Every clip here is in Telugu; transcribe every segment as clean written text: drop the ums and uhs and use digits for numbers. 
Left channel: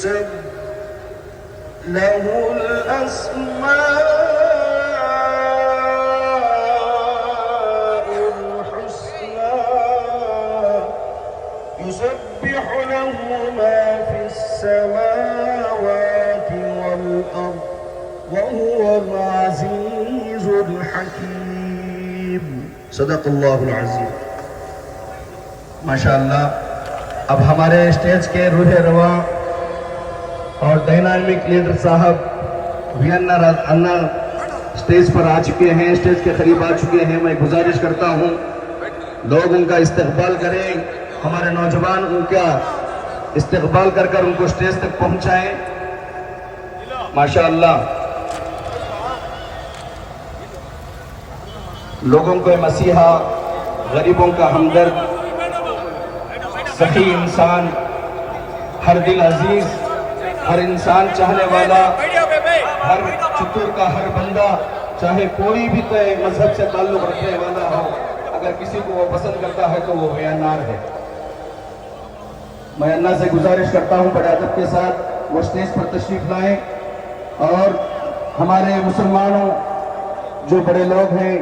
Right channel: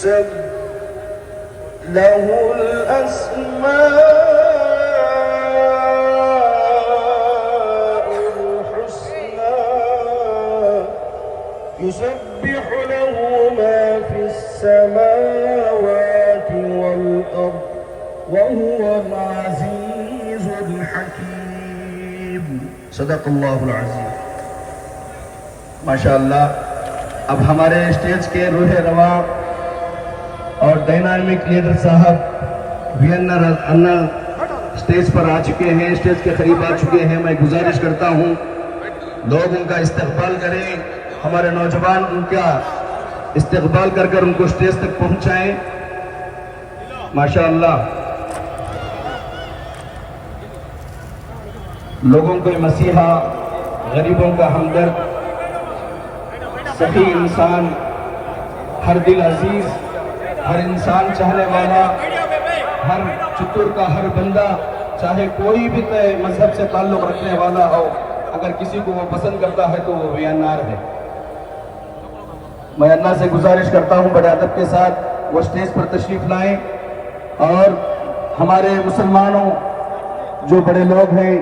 يسبح له الأسماء الحسنى يسبح له ما في السماوات والأرض وهو العزيز الحكيم صدق الله العظيम। माशाअल्लाह। अब हमारे स्टेज के रूह रवा और डायनामिक लीडर साहब वीएनआर अन्ना स्टेज पर आ चुके हैं, स्टेज के करीब आ चुके हैं। मैं गुजारिश करता हूं लोग उनका इस्तकबाल करें, हमारे नौजवान उनका इस्तकबाल कर उनको स्टेज तक पहुंचाएं। माशाअल्लाह। लोगों को मसीहा, गरीबों का हमदर्द, सही इंसान, हर दिल अजीज, हर इंसान चाहने वाला, हर चित्तूर का हर बंदा, चाहे कोई भी मजहब से ताल्लुक रखने वाला हो, अगर किसी को वो पसंद करता है तो वो वीएनआर है। मैं अन्ना से गुजारिश करता हूं बड़े अदब के साथ वो स्टेज पर तशरीफ लाएं और हमारे मुसलमानों जो बड़े लोग हैं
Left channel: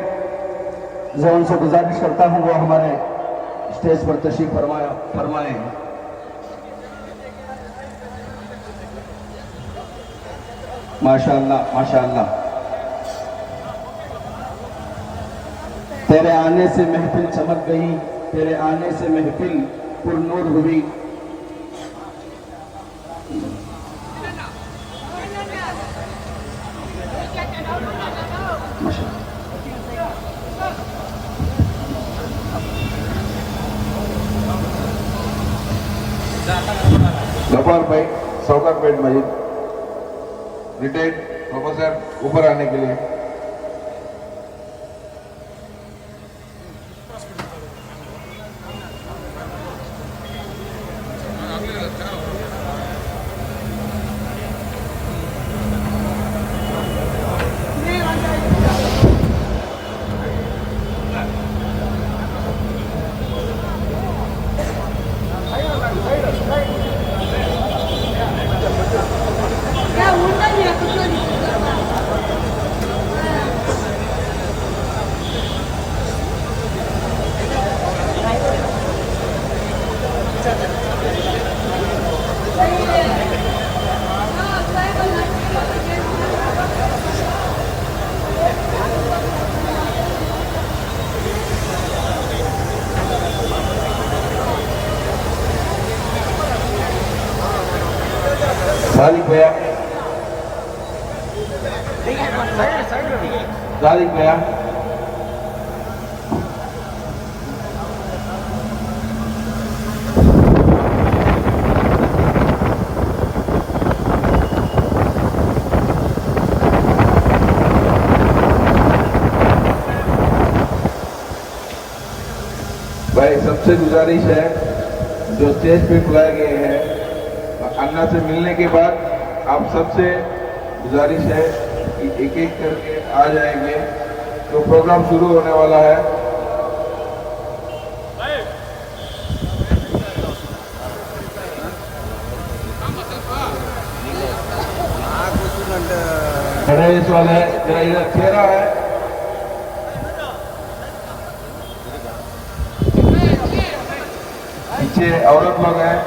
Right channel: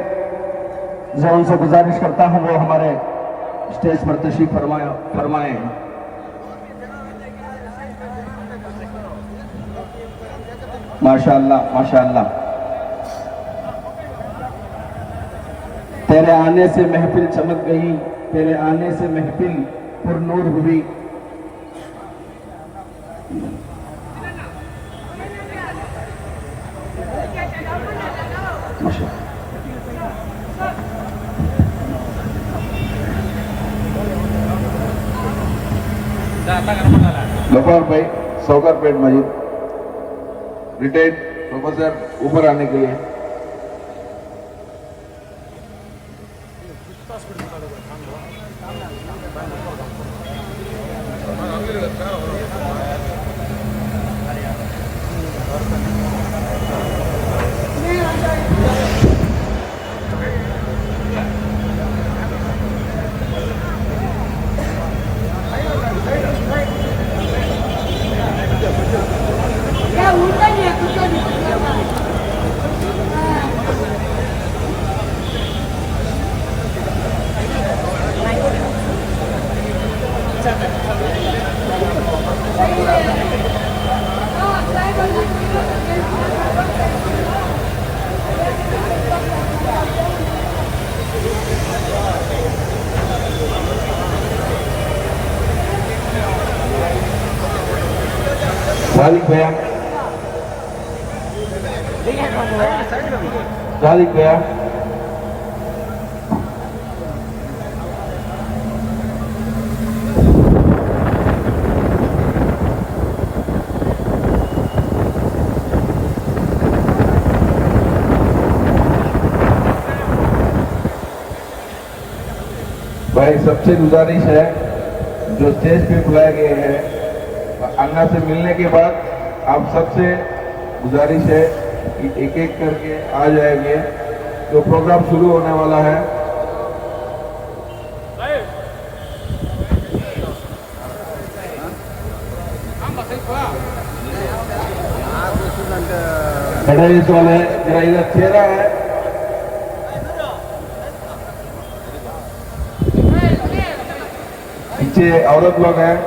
जो उनसे गुजारिश करता हूं वो हमारे स्टेज पर तशरीफ फरमाएं। माशाअल्लाह माशाअल्लाह। तेरे आने से महफिल चमक गई, तेरे आने से महफिल पुरनूर हुई। गफार भाई सौकरपेट मस्जिद रिटायर्ड प्रोफेसर ऊपर आने के लिए। सादिक भैया, सादिक भैया, भाई सबसे गुजारिश है जो स्टेज पे बुलाए गए हैं अन्ना से मिलने के बाद आप सबसे गुजारिश है कि एक एक करके आ जाएंगे, जो प्रोग्राम शुरू होने वाला है। बड़े सुने चेहरा है, पीछे औरत लोग हैं,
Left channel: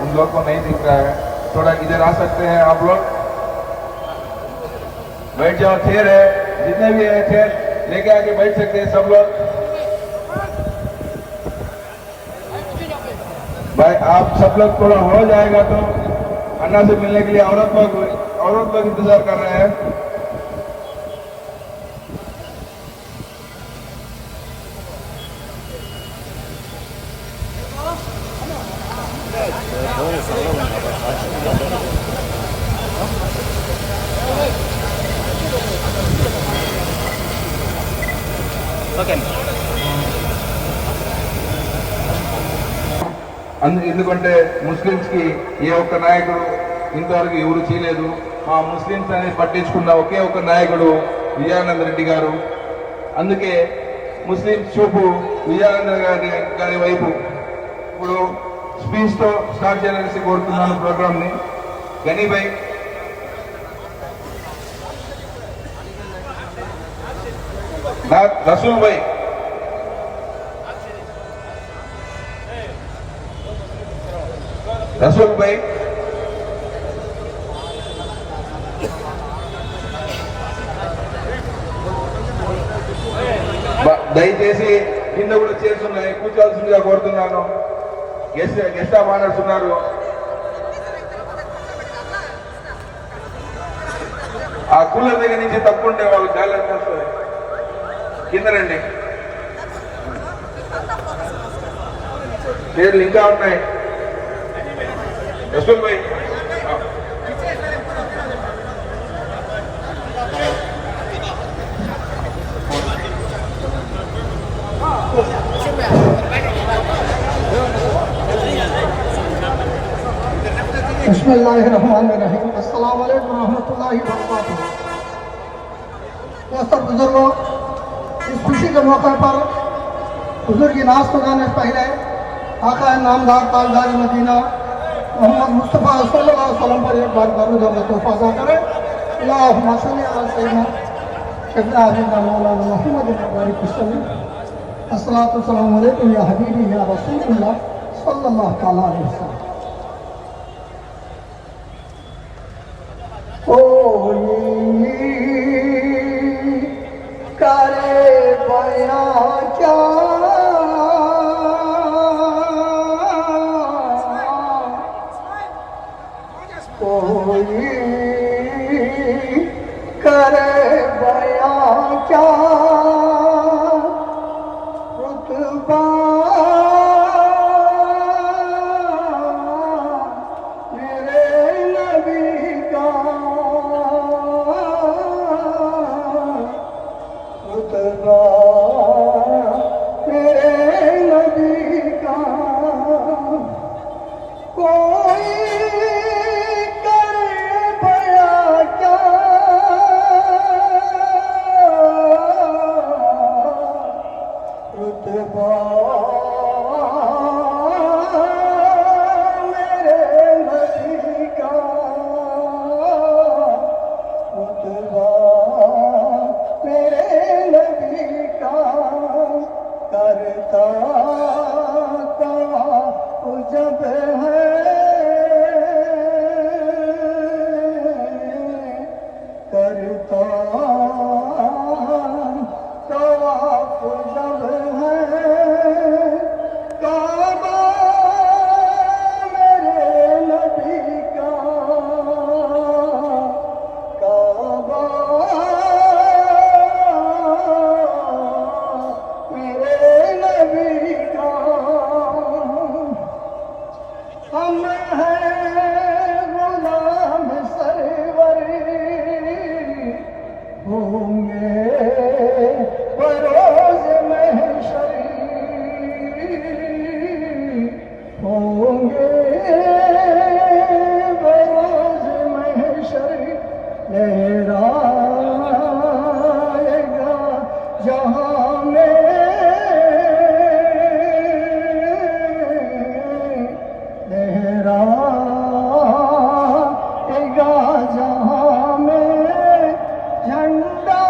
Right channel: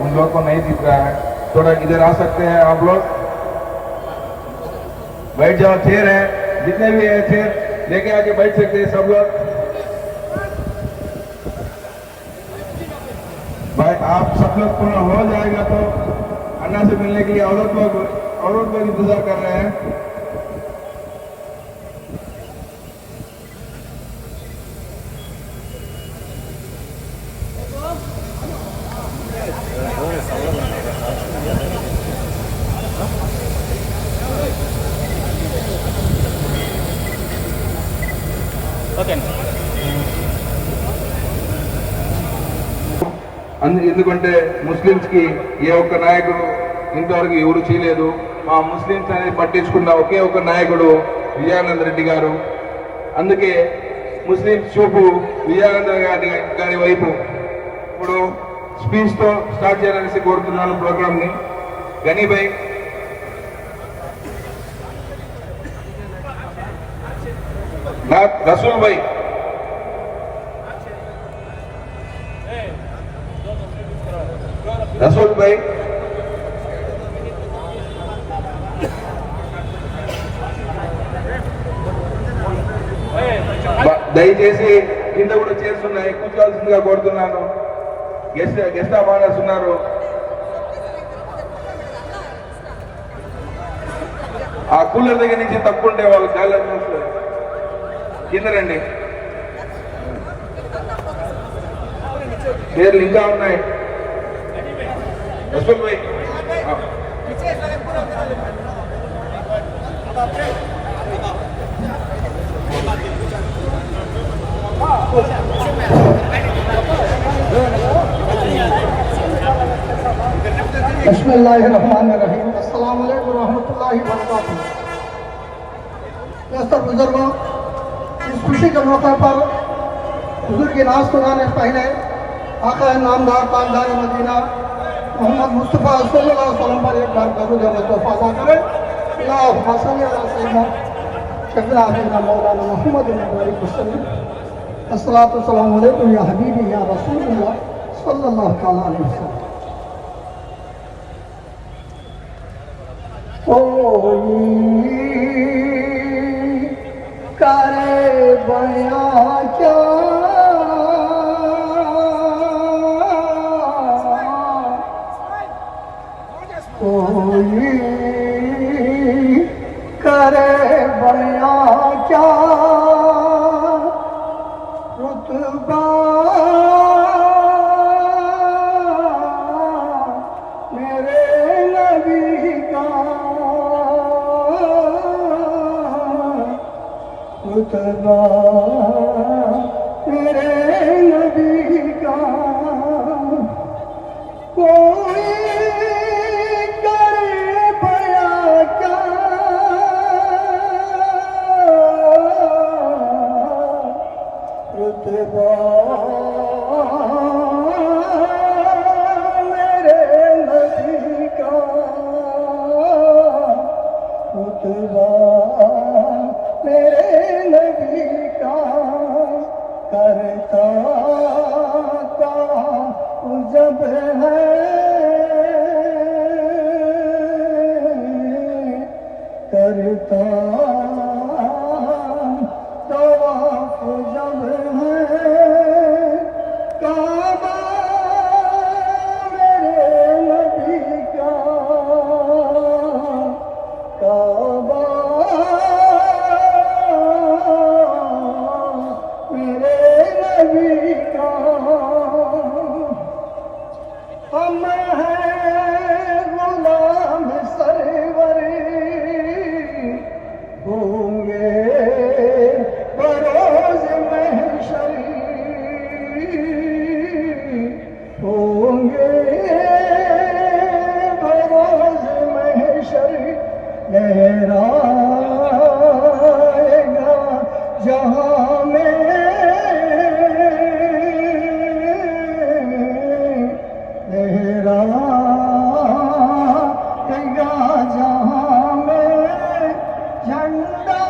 उन लोग को नहीं दिख रहा है, थोड़ा इधर आ सकते हैं आप लोग। बैठ जाओ, चेयर है, जितने भी है चेयर लेके आके बैठ सकते हैं सब लोग। भाई आप सब लोग थोड़ा हो जाएगा तो अन्ना से मिलने के लिए औरत लोग इंतजार कर रहे हैं। ఎందుకంటే ముస్లిమ్స్ కి ఏ ఒక్క నాయకుడు ఇంతవరకు ఎవరు చేయలేదు. మా ముస్లిమ్స్ అనేది పట్టించుకున్న ఒకే ఒక నాయకుడు విజయానంద రెడ్డి గారు. అందుకే ముస్లిమ్స్ చూపు విజయానంద గారి వైపు. ఇప్పుడు స్పీచ్ తో స్టార్ట్ చేయాలని కోరుతున్నాను ప్రోగ్రామ్ ని. गनी भाई, रसूल भाई, रसूल भाई, దయచేసి కింద కూడా చేస్తున్నాయి కూర్చోవలసిందిగా కోరుతున్నాను. గెస్ట్ ఆఫ్ ఆనర్స్ ఉన్నారు. ఆ కూలర్ దగ్గర నుంచి తప్పుకుంటే వాళ్ళు గాలి వస్తాయి. కింద రండి, పేర్లు ఇంకా ఉన్నాయి. రసూల్ భాయ్, बिस्मिल्लाहिर्रहमानिर्रहीम। अस्सलाम वालेकुम रहमतुल्लाहि व बरकातहू। दोस्तों बुजुर्गों, इस खुशी के मौके पर हुजूर की नाज को गाने से पहले आका नामदार ताजदार मदीना मोहम्मद मुस्तफ़ा सल्लल्लाहु अलैहि वसल्लम पर एक बार कबूल और तोहफा अदा करें। अल्लाहुम्मा सल्ली अला सय्यिदना शफीअ अहमद मौलाना मुहम्मद बारिक वसल्लम। अस्सलातु वस्सलामु अलैकुम या हबीबी या रसूलल्लाह सल्लल्लाहु तआला अलैहि वसल्लम। करे बयां क्या कोई करे बयां क्या रुतबा मेरे नबी का रुतबा मेरे नबी का कोई करे बया क्या रुतबा मेरे नबी का रुतबा मेरे नबी का करता का जब है करता तवाफ जब है काबा मेरे नबी का काबा मेरे नबी का हम हैं गुलाम सरवरी होंगे बरोज महशरी होंगे बरोज महशरी लहराएगा जहाँ में लहराएगा जहाँ में झंडा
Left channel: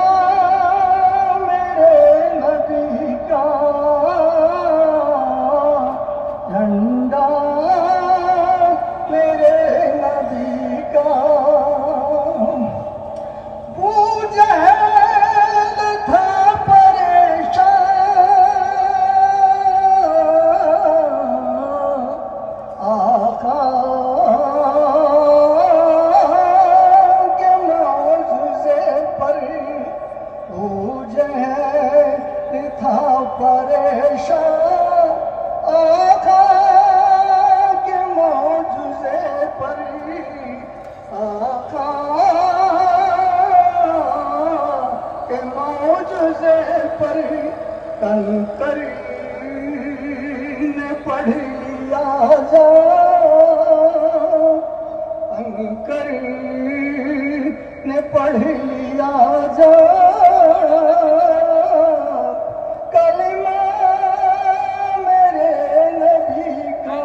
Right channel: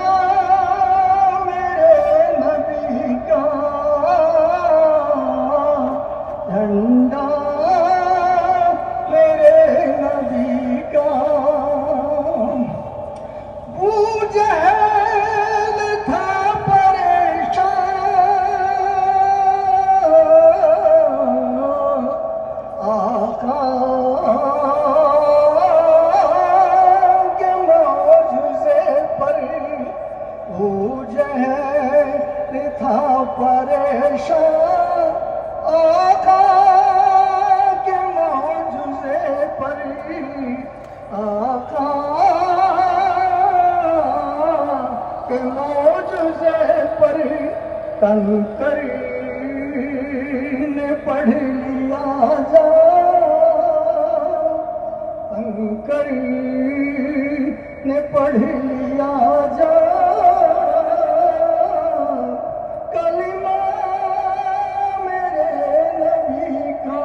मेरे नबी का झंडा मेरे नबी का जहल था परेशान आका के मौजूज़े पर जहल था परेशान आका के मौजूज़े पर आका के मौजूज़े पर कंकरी ने पढ़ लिया जा कंकरी ने पढ़ लिया जा कलिमा मेरे नबी का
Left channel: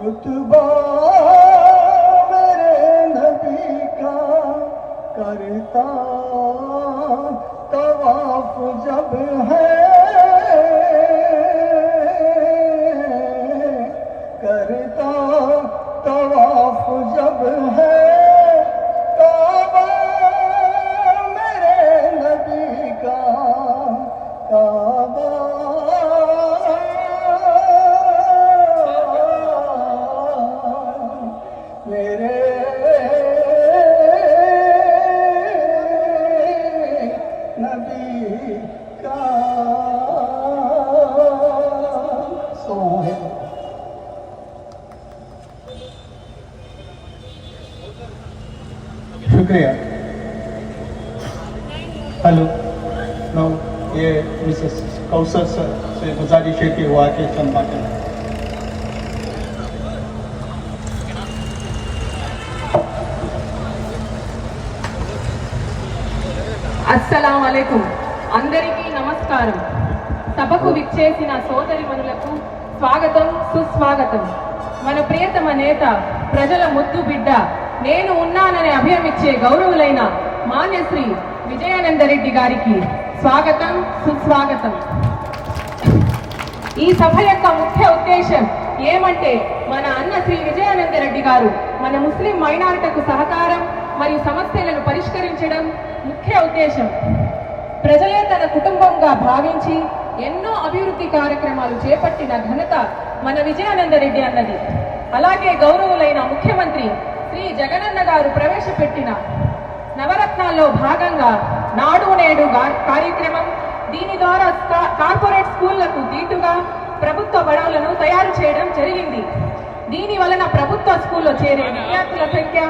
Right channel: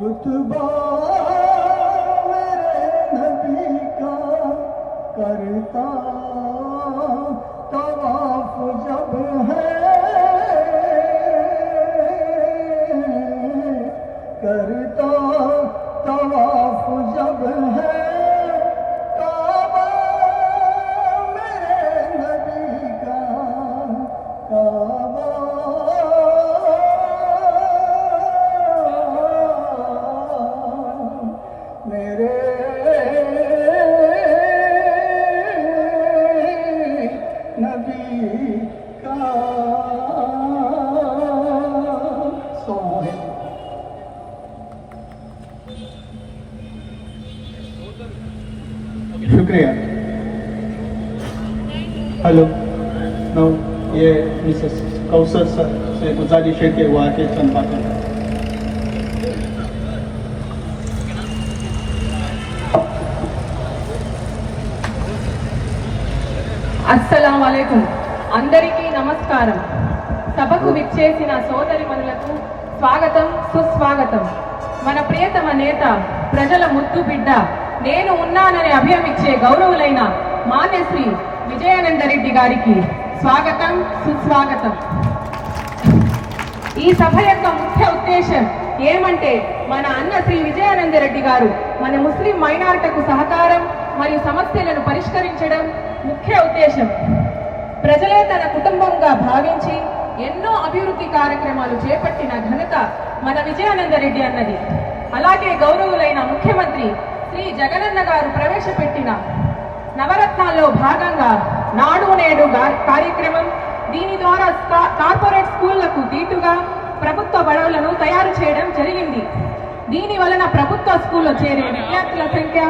रुतबा मेरे नबी का करता तवाफ जब है, करता तवाफ जब है, काबा मेरे नबी का काबा मेरे नबी का सोहे। शुक्रिया। हेलो नो ये मिसेस कौसर सर से गुजारिश है कि वो आके चंद बातें। అస్సలాము అలైకుం. అందరికీ నమస్కారం. సభకు విచ్చేసిన సోదరిమణులకు స్వాగతం, సుస్వాగతం. మన ప్రియతమ నేత, ప్రజల ముద్దు బిడ్డ, నేను ఉన్నానని అభయమిచ్చే గౌరవులైన మాన్యశ్రీ విజయానందరెడ్డి గారికి స్వాగతం, సుస్వాగతం. ఈ సభ యొక్క ముఖ్య ఉద్దేశం ఏమంటే, మన అన్న శ్రీ విజయానందరెడ్డి గారు మన ముస్లిం మైనారిటీకు సహకారం మరియు సమస్యలను పరిష్కరించడం ముఖ్య ఉద్దేశం. ప్రజలే తన కుటుంబంగా భావించి ఎన్నో అభివృద్ధి కార్యక్రమాలు చేపట్టిన ఘనత మన విజయానందరెడ్డి అన్నది. అలాగే గౌరవులైన ముఖ్యమంత్రి శ్రీ జగనన్న గారు ప్రవేశపెట్టిన నవరత్నాల్లో భాగంగా నాడు నేడు కార్యక్రమం, దీని ద్వారా కార్పొరేట్ స్కూళ్లకు దీటుగా ప్రభుత్వ బడులను తయారు చేయడం జరిగింది. దీని వలన ప్రభుత్వ స్కూల్లో చేరే విద్యార్థుల సంఖ్య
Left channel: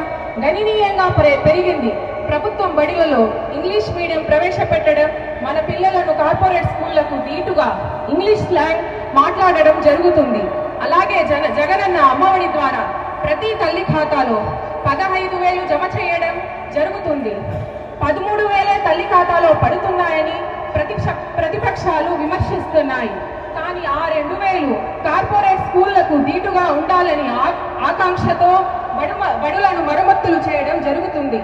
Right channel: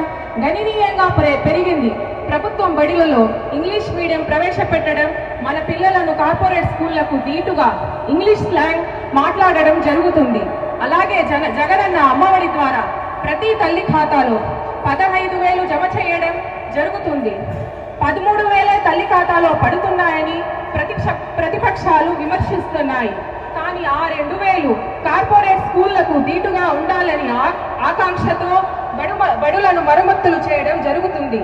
గణనీయంగా పెరిగింది. ప్రభుత్వం బడులలో ఇంగ్లీష్ మీడియం ప్రవేశపెట్టడం, మన పిల్లలను కార్పొరేట్ స్కూళ్లకు దీటుగా ఇంగ్లీష్ స్లాంగ్ మాట్లాడడం జరుగుతుంది. అలాగే జగనన్న అమ్మఒడి ద్వారా ప్రతి తల్లి ఖాతాలో 15,000 జమ చేయడం జరుగుతుంది. 13,000 తల్లి ఖాతాలో పడుతున్నాయని ప్రతిపక్షాలు విమర్శిస్తున్నాయి. కానీ ఆ 2,000 కార్పొరేట్ స్కూళ్లకు దీటుగా ఉండాలని ఆకాంక్షతో బడులను మరమ్మతులు చేయడం జరుగుతుంది.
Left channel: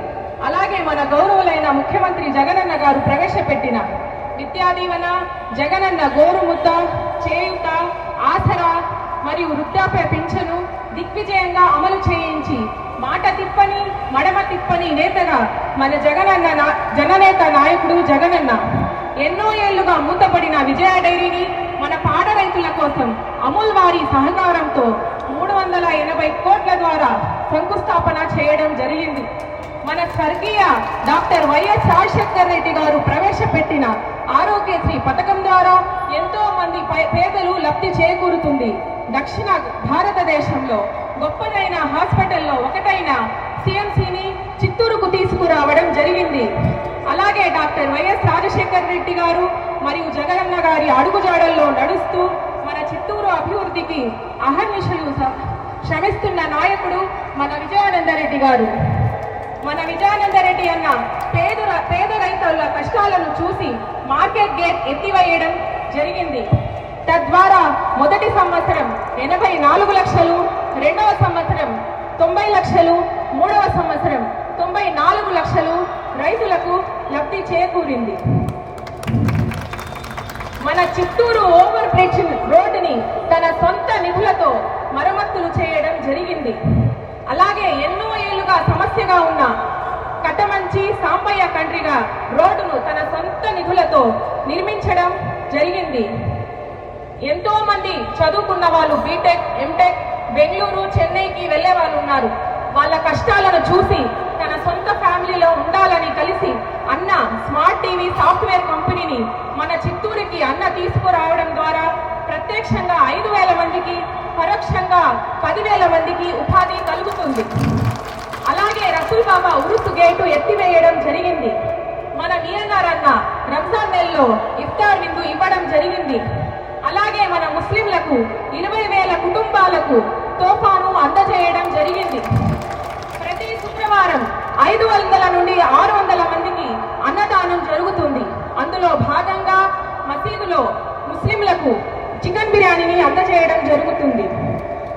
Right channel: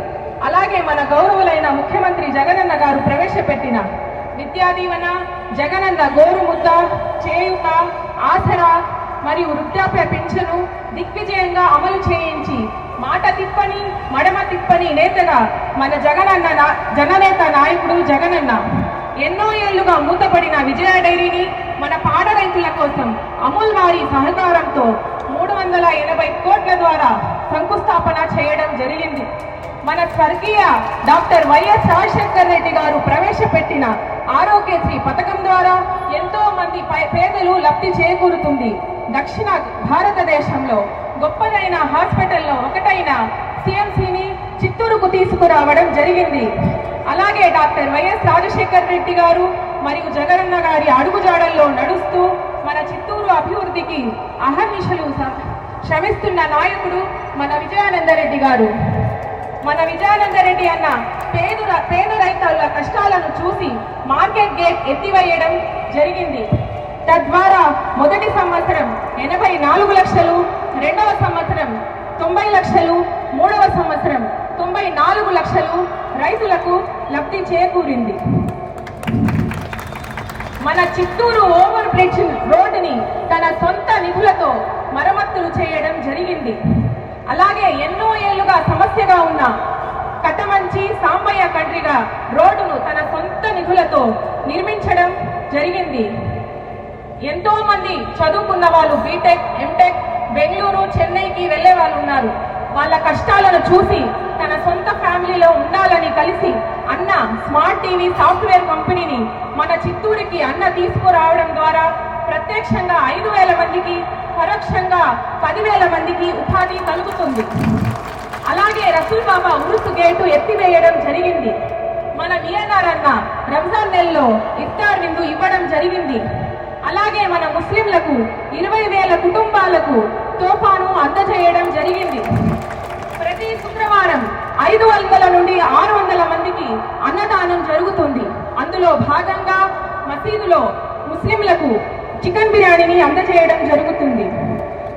అలాగే మన గౌరవులైన ముఖ్యమంత్రి జగనన్న గారు ప్రవేశపెట్టిన విద్యా దీవెన, జగనన్న గోరుముద్ద, చేయూత, ఆసరా మరియు వృద్ధాప్య పింఛను దిగ్విజయంగా అమలు చేయించి మాట తిప్పని మడమ తిప్పని నేతగా మన జననేత నాయకుడు జగనన్న ఎన్నో ఏళ్లుగా మూతపడిన విజయ డైరీని మన పాడ రైతుల కోసం అమూల్ వారి సహకారంతో 380 కోట్ల ద్వారా శంకుస్థాపన చేయడం జరిగింది. మన స్వర్గీయ డాక్టర్ వైఎస్ రాజశేఖర్ రెడ్డి గారు ప్రవేశపెట్టిన ఆరోగ్యశ్రీ పథకం ద్వారా ఎంతో మంది పేదలు లబ్ధి చేకూరుతుంది. దక్షిణ భారతదేశంలో గొప్పదైన హాస్పిటల్లో ఒకటైన సిఎంసిని చిత్తూరుకు తీసుకురావడం జరిగింది. అలాగే డాక్టర్ వైఎస్ రాజశేఖర్ రెడ్డి గారు మరియు జగనన్న గారి అడుగుజాడల్లో నడుస్తూ మన చిత్తూరు అభివృద్ధికి అహర్నిశలు శ్రమిస్తున్న నాయకుడు మన విజయానందరెడ్డి గారు. మన విజయానందరెడ్డి అన్న పేద రైతుల కష్టాలను చూసి మార్కెట్ గేట్ ఎత్తివేయడం జరిగింది. తద్వారా మొదటి సంవత్సరం 84 లక్షలు, రెండవ సంవత్సరం 90 లక్షలు, మూడవ సంవత్సరం 94 లక్షలు రైతులకు లబ్ధి చేకూరింది. మన చిత్తూరు ఓవర్ బ్రిడ్జ్ రోడ్డుని తన సొంత నిధులతో మరమ్మతులు చేయడం జరిగింది. అలాగే ఎన్నో ఏళ్లుగా సమస్యగా ఉన్న కట్టమంచి సాంబయ్య కండ్రిగా రోడ్డును తన సొంత నిధులతో నిర్మించడం జరిగింది. ఎంతో మంది చదువుకున్న వాళ్ళు బీటెక్, ఎంటెక్, బెంగళూరు, చెన్నైకి వెళ్లే వాళ్ళు ఉన్నారు. వాళ్ళ కష్టాలను చూసి తన సొంత ఫ్యామిలీలో ఉండాలని కలిసి అన్న స్మార్ట్ టీవీ సాఫ్ట్వేర్ కంపెనీని మన చిత్తూరుకి అన్న తీసుకురావడం ద్వారా ప్రత్యక్షంగా 5,000 మందికి, పరోక్షంగా 10,000 మందికి ఉపాధి కలుగుతుంది. అలాగే రసూల్ బాబా ఉరుసు గేటు ఎత్తివేయడం జరిగింది. మన విఎన్ఆర్ అన్న రంజాన్ నెలలో ఇఫ్తార్ విందు ఇవ్వడం జరిగింది. అలాగే మన ముస్లింలకు 20,000 కుటుంబాలకు తోఫాను అందజేయడం జరిగింది. ప్రతి శుక్రవారం 500 నుండి 600 మందికి అన్నదానం జరుగుతుంది. అందులో భాగంగా మసీదులో ముస్లింలకు చికెన్ బిర్యానీని అందజేయడం జరుగుతుంది.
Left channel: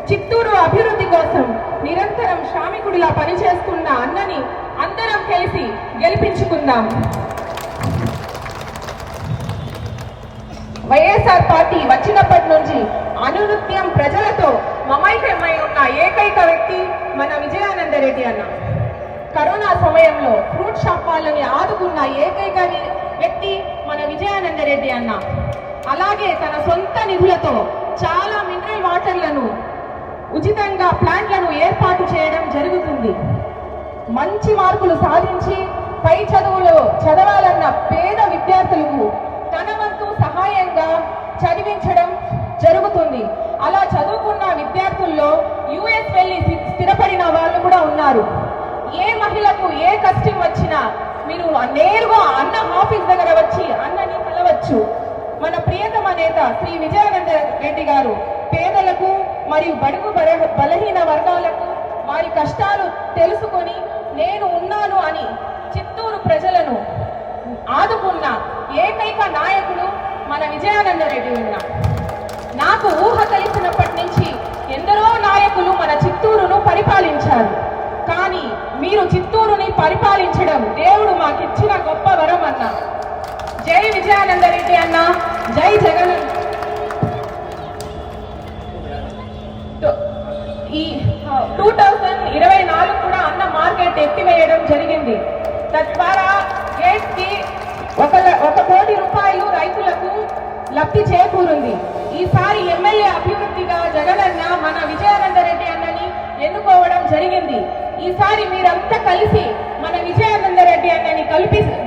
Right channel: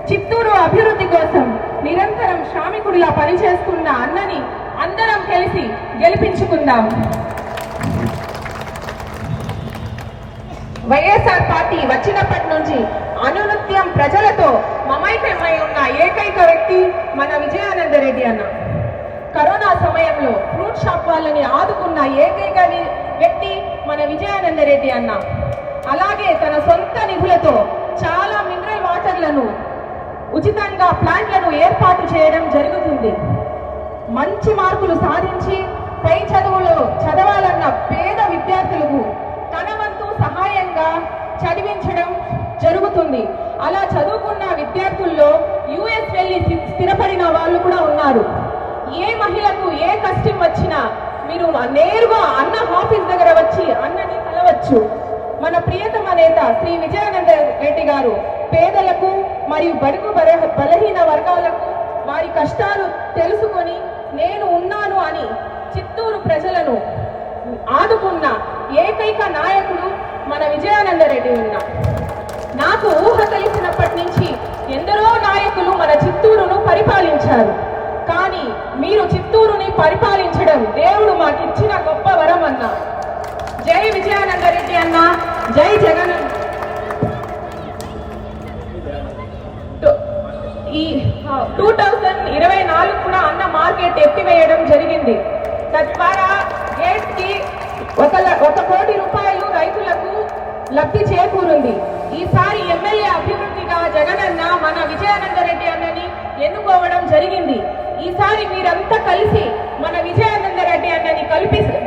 చిత్తూరు అభివృద్ధి కోసం నిరంతరం శ్రామికుడిలా పనిచేస్తున్న అన్నని అందరం కలిసి గెలిపించుకుందాం. వైఎస్ఆర్ పార్టీ వచ్చినప్పటి నుంచి అనునిత్యం ప్రజలతో మమైక్యమై ఉన్న ఏకైక వ్యక్తి మన విజయానంద రెడ్డి అన్న. కరోనా సమయంలో ఫ్రూట్ షాప్ వాళ్ళని ఆదుకున్న ఏకైక వ్యక్తి మన విజయానంద రెడ్డి అన్న. అలాగే తన సొంత నిధులతో చాలా మినరల్ వాటర్లను ఉచితంగా ప్లాంట్లను ఏర్పాటు చేయడం జరుగుతుంది. మంచి మార్కులు సాధించి పై చదువులో చదవాలన్న పేద విద్యార్థులకు తన వంతు సహాయంగా చదివించడం జరుగుతుంది. అలా చదువుకున్న విద్యార్థుల్లో యుఎస్ వెళ్ళి స్థిరపడిన వాళ్ళు కూడా ఉన్నారు. ఏ మహిళకు ఏ కష్టం వచ్చినా మీరు నేరుగా అన్న ఆఫీస్ దగ్గర వచ్చి అన్నని కలవచ్చు. మన ప్రియతమ నేత శ్రీ విజయానంద రెడ్డి గారు పేదలకు మరియు బడుగు బలహీన వర్గాలకు వారి కష్టాలు తెలుసుకొని నేను ఉన్నాను అని చిత్తూరు ప్రజలను ఆదుకున్న ఏకైక నాయకుడు మన విజయానంద రెడ్డి ఉన్న. నాకు ఊహ తెలిసినప్పటి నుంచి ఎందరో నాయకులు మన చిత్తూరును పరిపాలించారు. కానీ మీరు చిత్తూరుని పరిపాలించడం దేవుడు మాకిచ్చిన గొప్ప వరం అన్న. జై విజయానంద రెడ్డి అన్న, జై జగన్. ఈ 2024 కూడా అన్న మార్కెట్ ఎత్తివేయడం జరిగింది. తద్వారా గేట్ కి 1 కోటి రూపాయలు రైతులకు లబ్ధి చేకూరింది. ఈసారి ఎమ్మెల్యే అభివృద్ధిగా జగనన్న మన విజయానంద రెడ్డి అన్నని ఎన్నుకోవడం జరిగింది. ఈసారి మీరంతా కలిసి మన విజయానంద రెడ్డి అన్నని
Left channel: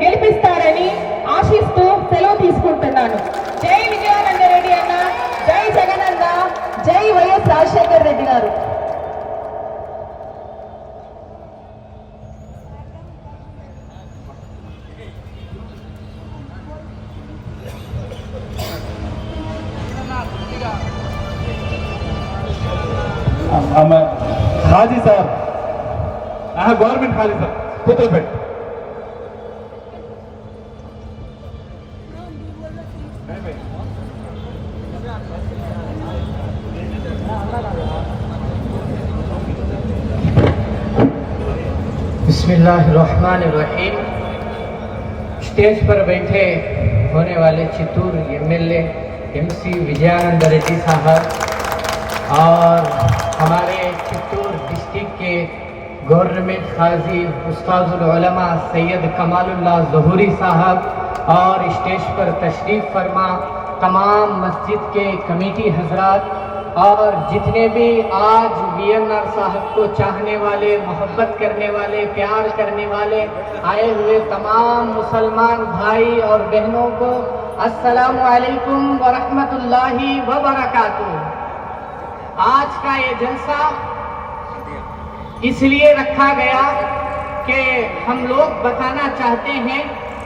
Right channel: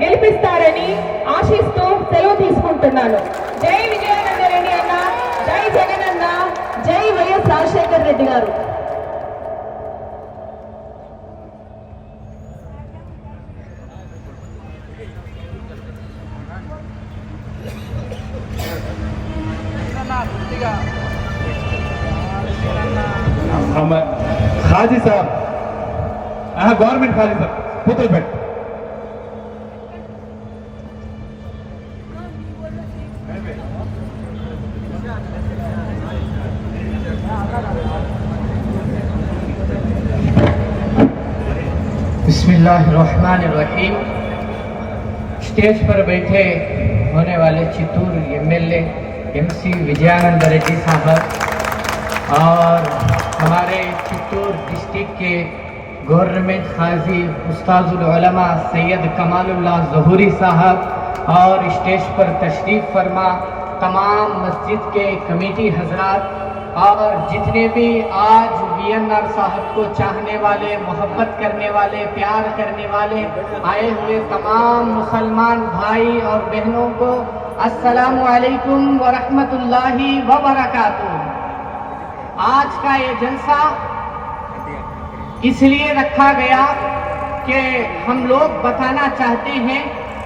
గెలిపిస్తారని ఆశిస్తూ సెలవు తీసుకుంటున్నాను. జై విజయానంద రెడ్డి అన్న, జై జగనన్న, జై వైఎస్ రాజశేఖర్ రెడ్డి గారు. खाजी साहब, गवर्नमेंट खाजी साहब, पुतलपेट. बिस्मिल्लाहिर्रहमानिर्रहीम. स्टेज पर बैठे होने वाले चित्तूर एमएलए एमसी विजयानंद रेड्डी साहब और हमारे चित्तूर डिस्ट्रिक्ट के गवर्नमेंट खाजी उस्ताजुल उलमा सैयद कमालुल्लाह ज़हूरी साहब और स्टेज पर तशरीफ़ फरमा तमाम मस्जिद के कमेटी हजरात और जितने भी आज वीएनआर साहब को चाहने वाले, मोहब्बत करने वाले, प्यार करने वाले आए हुए तमाम मुसलमान भाई और बहनों को अस्सलामु अलैकुम व रहमतुल्लाहि व बरकातुहू. आज का ये जलसा इसलिए रखा गया कि हम लोग बताना चाहते हैं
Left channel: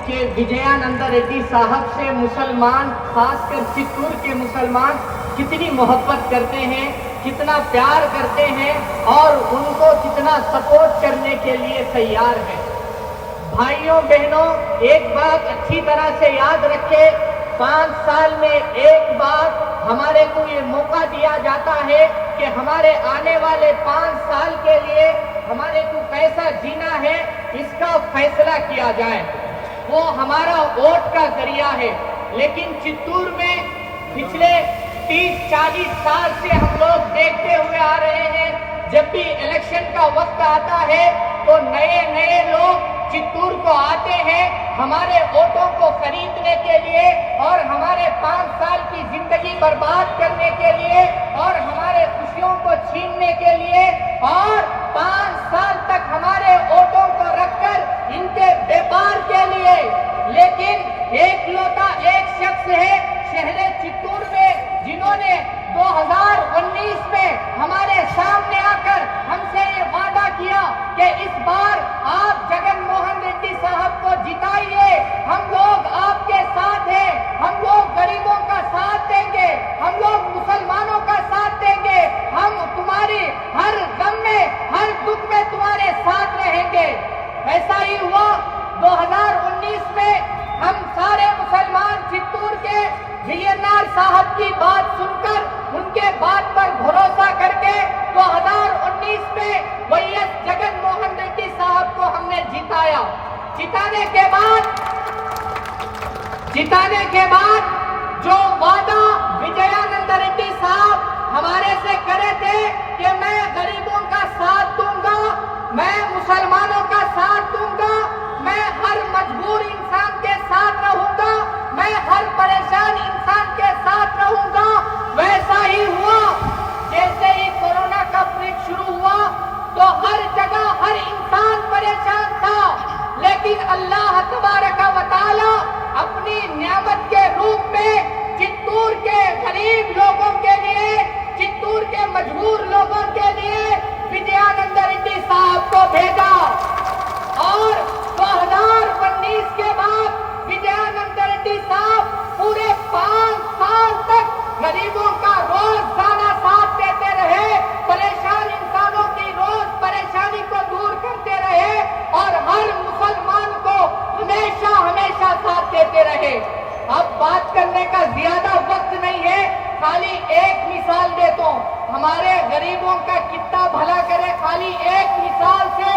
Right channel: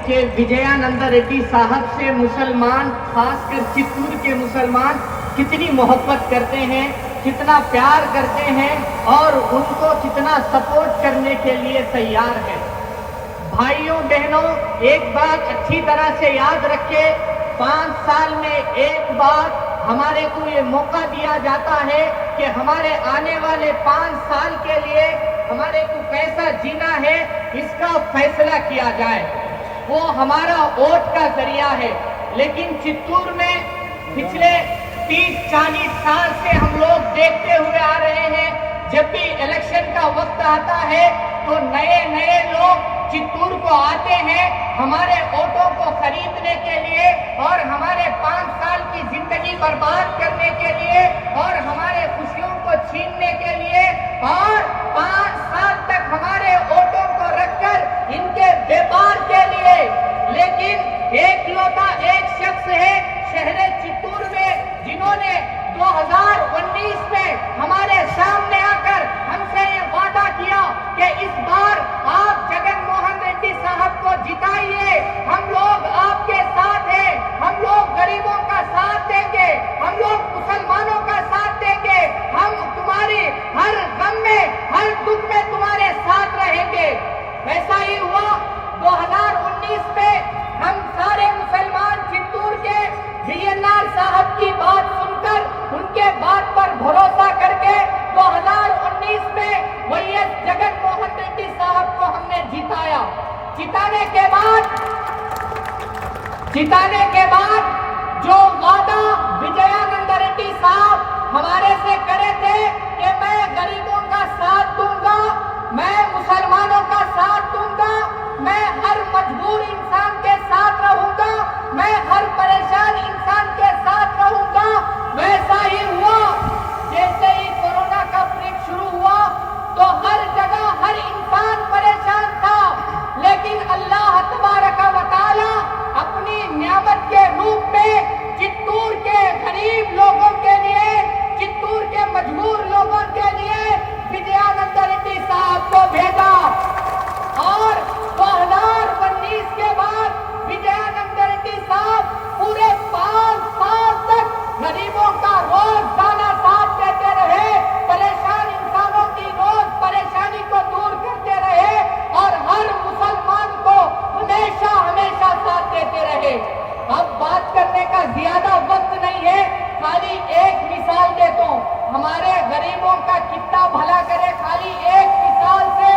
कि विजयानंद रेड्डी साहब से मुसलमान, खासकर चित्तूर के मुसलमान कितनी मोहब्बत करते हैं, कितना प्यार करते हैं और उनको कितना सपोर्ट करने के लिए तैयार है. भाइयों बहनों, एक बात अच्छी तरह से याद रखें, 5 साल में एक बार हमारे को ये मौका दिया जाता है कि हमारे आने वाले 5 साल के लिए हमारे को कैसा जीना है इसका फैसला किया जाए. वो हमारा वोट का जरिया है. लेकिन चित्तूर में पिछले 30-40 साल से हम लोग देखते हुए आ रहे हैं, जब भी इलेक्शन का वक्त आता है तो नए नए लोग चित्तूर को आते हैं हमारे वोटों को खरीदने के लिए और हमारे 5 साल की जिंदगी बर्बाद करने के लिए और हमारे खुशियों को छीनने के लिए और 5 साल तक हमारे वोटों को रखकर इनके व्यापार के लिए. लेकिन एक शख्स है शहर चित्तूर में जिन्होंने 2019 में हमारे सामने आकर हमसे ये वादा किया कि इस बार आप जगन मोहन रेड्डी साहब को जिताइए, हम लोग आपके साथ हैं, हम लोग गरीबों का साथ देंगे, हम लोग मुसलमानों का साथ देंगे, हम तुम्हारी हर गम में, हर दुख में तुम्हारे साथ रहेंगे. ऐसा ही हुआ. 2019 में हम सारे मुसलमान चित्तूर के वीएनआर साहब की बात सुनकर उनके बात पर भरोसा करके जिताने के बाद जो वादा विजयानंद रेड्डी साहब हमारे से करे थे कि मैं गरीबों का साथ दूंगा, मैं मुसलमानों का साथ दूंगा, मैं हर मजबूर इंसान के साथ रहूंगा, मैं हर परेशान इंसान के साथ रहूंगा, वैसा ही हुआ। जैसे ही कोरोना का पीक शुरू हुआ तो हर जगह हर इंसान परेशान था, लेकिन अल्लाह तबारक व तआला अपनी नियामत के रूप में चित्तूर के गरीब लोगों के लिए, चित्तूर के मजबूर लोगों के लिए विजयानंद रेड्डी साहब को भेजा। और 2019 के बाद विजयानंद रेड्डी साहब पूरे 5 साल तक गरीबों का रोजाना साथ देते रहे, परेशान इंसानों की रोज परेशानी को दूर करते रहे और हर मुसलमान को हमेशा हमेशा साथ देते रहे। अब बात करने का ज्यादा वक्त नहीं है, खाली एक मिसाल देता हूँ, हमारे गरीबों का कितना भला करे, खाली एक मिसाल से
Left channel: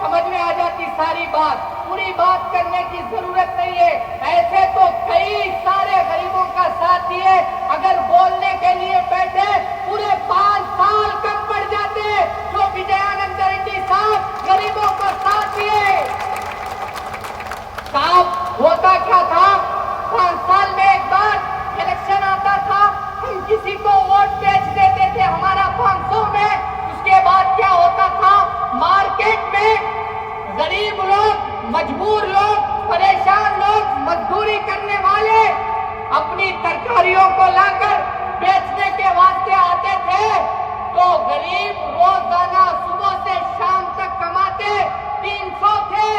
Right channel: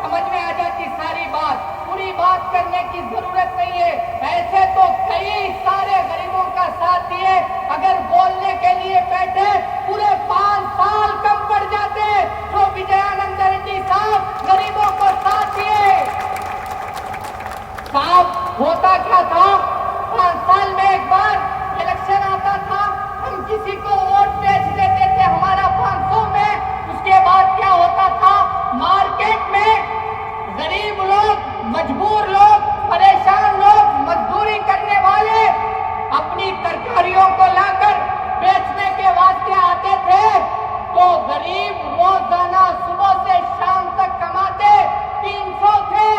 समझ में आ जाती सारी बात, पूरी बात करने की जरूरत नहीं है। ऐसे तो कई सारे गरीबों का साथ दिए, अगर बोलने के लिए बैठे पूरे 5 साल कम पड़ जाते तो विजयानंद रेड्डी साहब गरीबों को साथ दिए। साहब होता क्या था, 5 साल में एक बार इलेक्शन आता था, हम किसी को वोट बेच देते थे हमारा 500 में, उसके बाद क्या होता था, मार्केट में गरीब लोग, मजबूर लोग, परेशान लोग, मजदूरी करने वाले अपनी तरकारियों को लाकर बेचने के वास्ते आते थे, तो गरीब रोजाना सुबह से शाम तक कमाते 300 थे,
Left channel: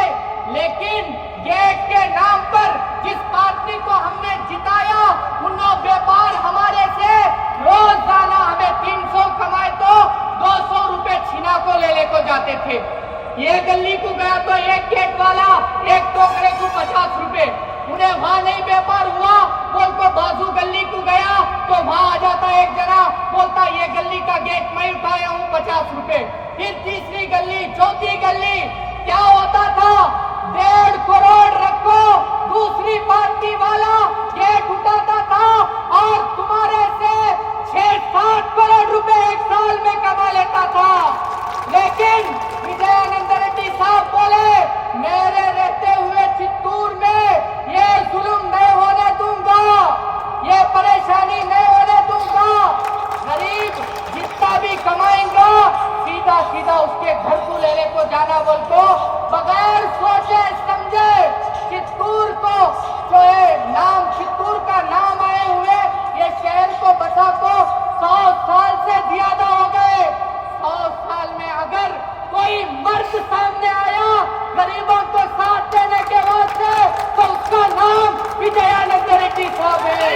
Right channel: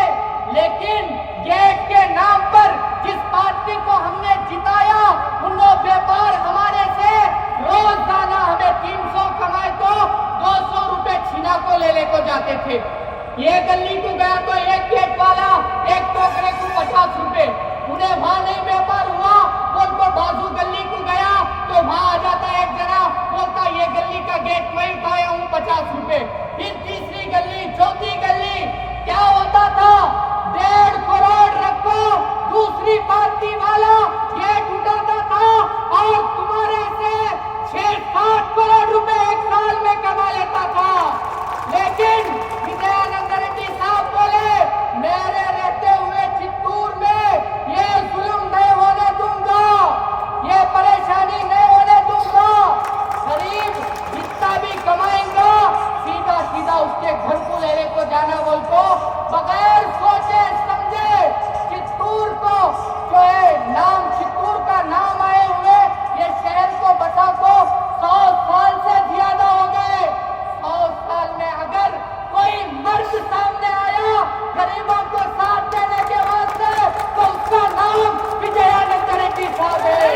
लेकिन गेट के नाम पर जिस पार्टी को हमने जिताया उनको व्यापार हमारे से रोजाना हमें 300 कमाए तो 200 रुपए छीना को ले को जाते थे। ये गली को गया तो एक गेट वाला एक टोकरे को 50 रुपए, उन्हें वहां नहीं व्यापार हुआ, बोलता बाजू गली को गया तो वहां आ जाता एक जना, बोलता ये गली का गेट मैं उठाया हूँ 50 रुपए। फिर तीसरी गली, चौथी गली, क्या होता था, 1.5 करोड़ रखो, दूसरी पार्टी वाला गेट उठाता था और तुम्हारे से 6-7 करोड़ रुपए एक साल में कमा लेता था। लेकिन विजयानंद रेड्डी साहब बोले, मेरे रहते हुए चित्तूर में ये जुल्म नहीं होने दूंगा, ये परेशानी नहीं होने दूंगा, गरीब जितना भी कमाएंगा सीधा सीधा उसके घर को लेने को जाना, बोल को बगैर सोचे समझे चित्तूर को जो है नाम, चित्तूर का नाम आए हुए ये शहर को बचा को 100 साल से ज्यादा हो गए। 100 साल में अगर कोई मर्द सामने आया गरीबों को साथ देने के वास्ते तो उसका नाम विजयानंद रेड्डी साहब है।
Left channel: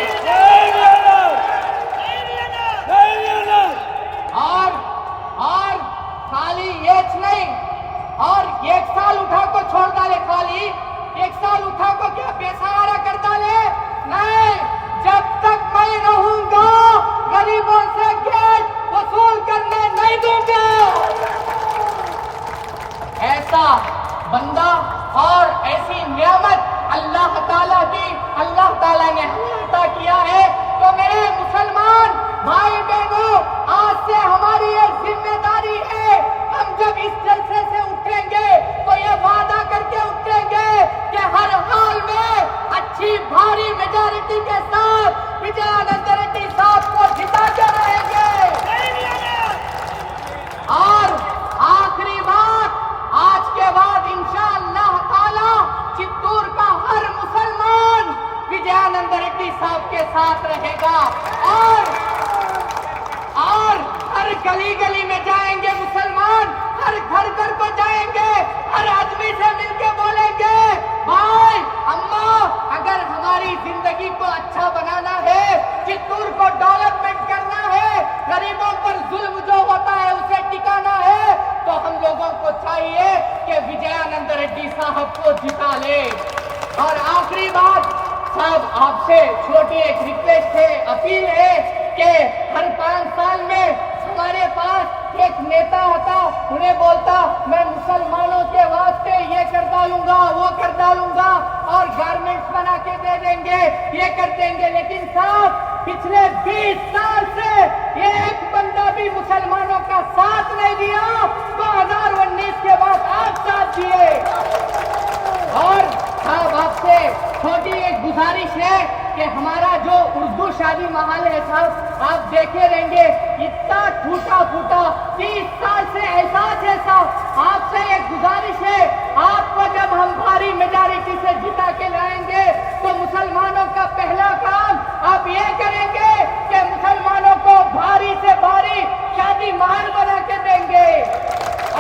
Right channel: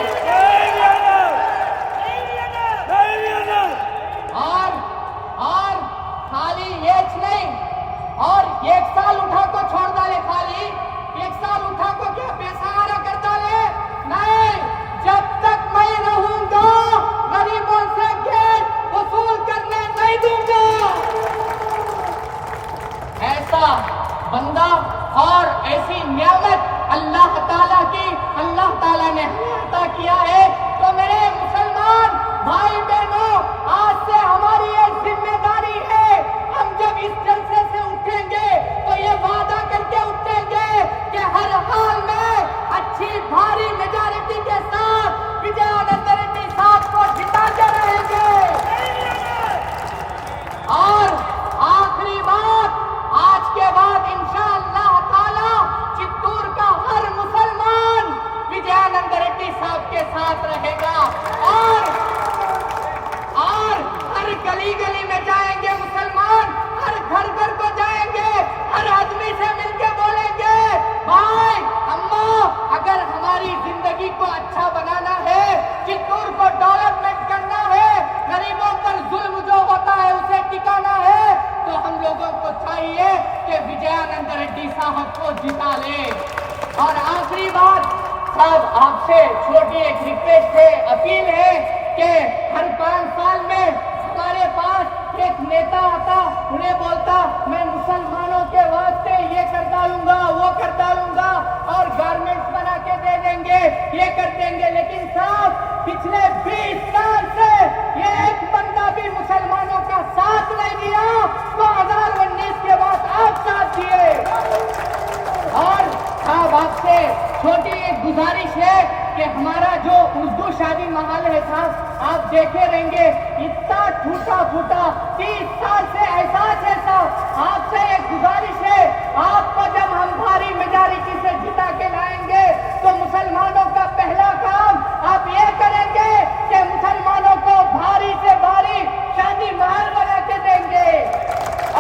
और खाली ये नहीं, और 1 साल उठा को छोड़ डाले, खाली 1 साल उठा को क्या पैसा आ रहा कर डाले, नहीं, जब तक मैं रहूंगा गरीबों से गेट वसूल करने नहीं दूंगा। ऐसा बंदा और ऐसी नियामत अल्लाह ताला की, अल्लाह ताला ने हमें अता किया है। तो मेरे मुसलमान भाई बहनों, आज से हमारी एक जिम्मेदारी है, हम जब इस जलसे से उठेंगे तो ये वादा करके उठेंगे कि हर हाल में अच्छी भारी मेजॉरिटी के साथ विजयानंद रेड्डी साहब को जिताते रहेंगे। और आखिरी बात, आज के बाद इंशाअल्लाह ताला चित्तूर का हर मुसलमान विजयानंद रेड्डी साहब के साथ रहेगा और हर गली गली में जाएंगे मुसलमान, हर घर घर को जाएंगे, हर आदमी से मिलके बोलेंगे, भाई अम्मा अगर हमारी जिंदगी को अच्छा बनाना है, चित्तूर को डेवलपमेंट करना है, गरीबों पर जुल्म जो होता है उसे टिकाना है, तो हम लोगों को चाहिए कि विजयानंद रेड्डी साहब को जिता ले। और आखिरी बात साहब, आपसे छोटी एक रिक्वेस्ट है, अपील है कि हर 5 साल में हमारे पास एक नेता आता, उन्हें बोलता मैं मुसलमानों के वास्ते ये करता डालूंगा, वो कर डालूंगा और गारमेंट्स बना के दे देंगे, ये कर देंगे। लेकिन साहब पिछले 20 साल से ये एक बंदा भी मुसलमानों का साथ नहीं दिया। 2019 के बाद आप साथ दिए। और साहब आपसे छोटी एक गुजारिश है कि हमारा जो उर्दू शादी महल है साहब, आप देखे रहेंगे इतना टूटा फूटा 30 साल से एहसास है साहब। आपसे एक गुजारिश है, आपको जब हम भारी मेजॉरिटी से जिता के लाएंगे तो मुसलमानों का पहला काम आप ये करेंगे कि मुसलमानों को भारी से भारी शादी महल बना के देंगे।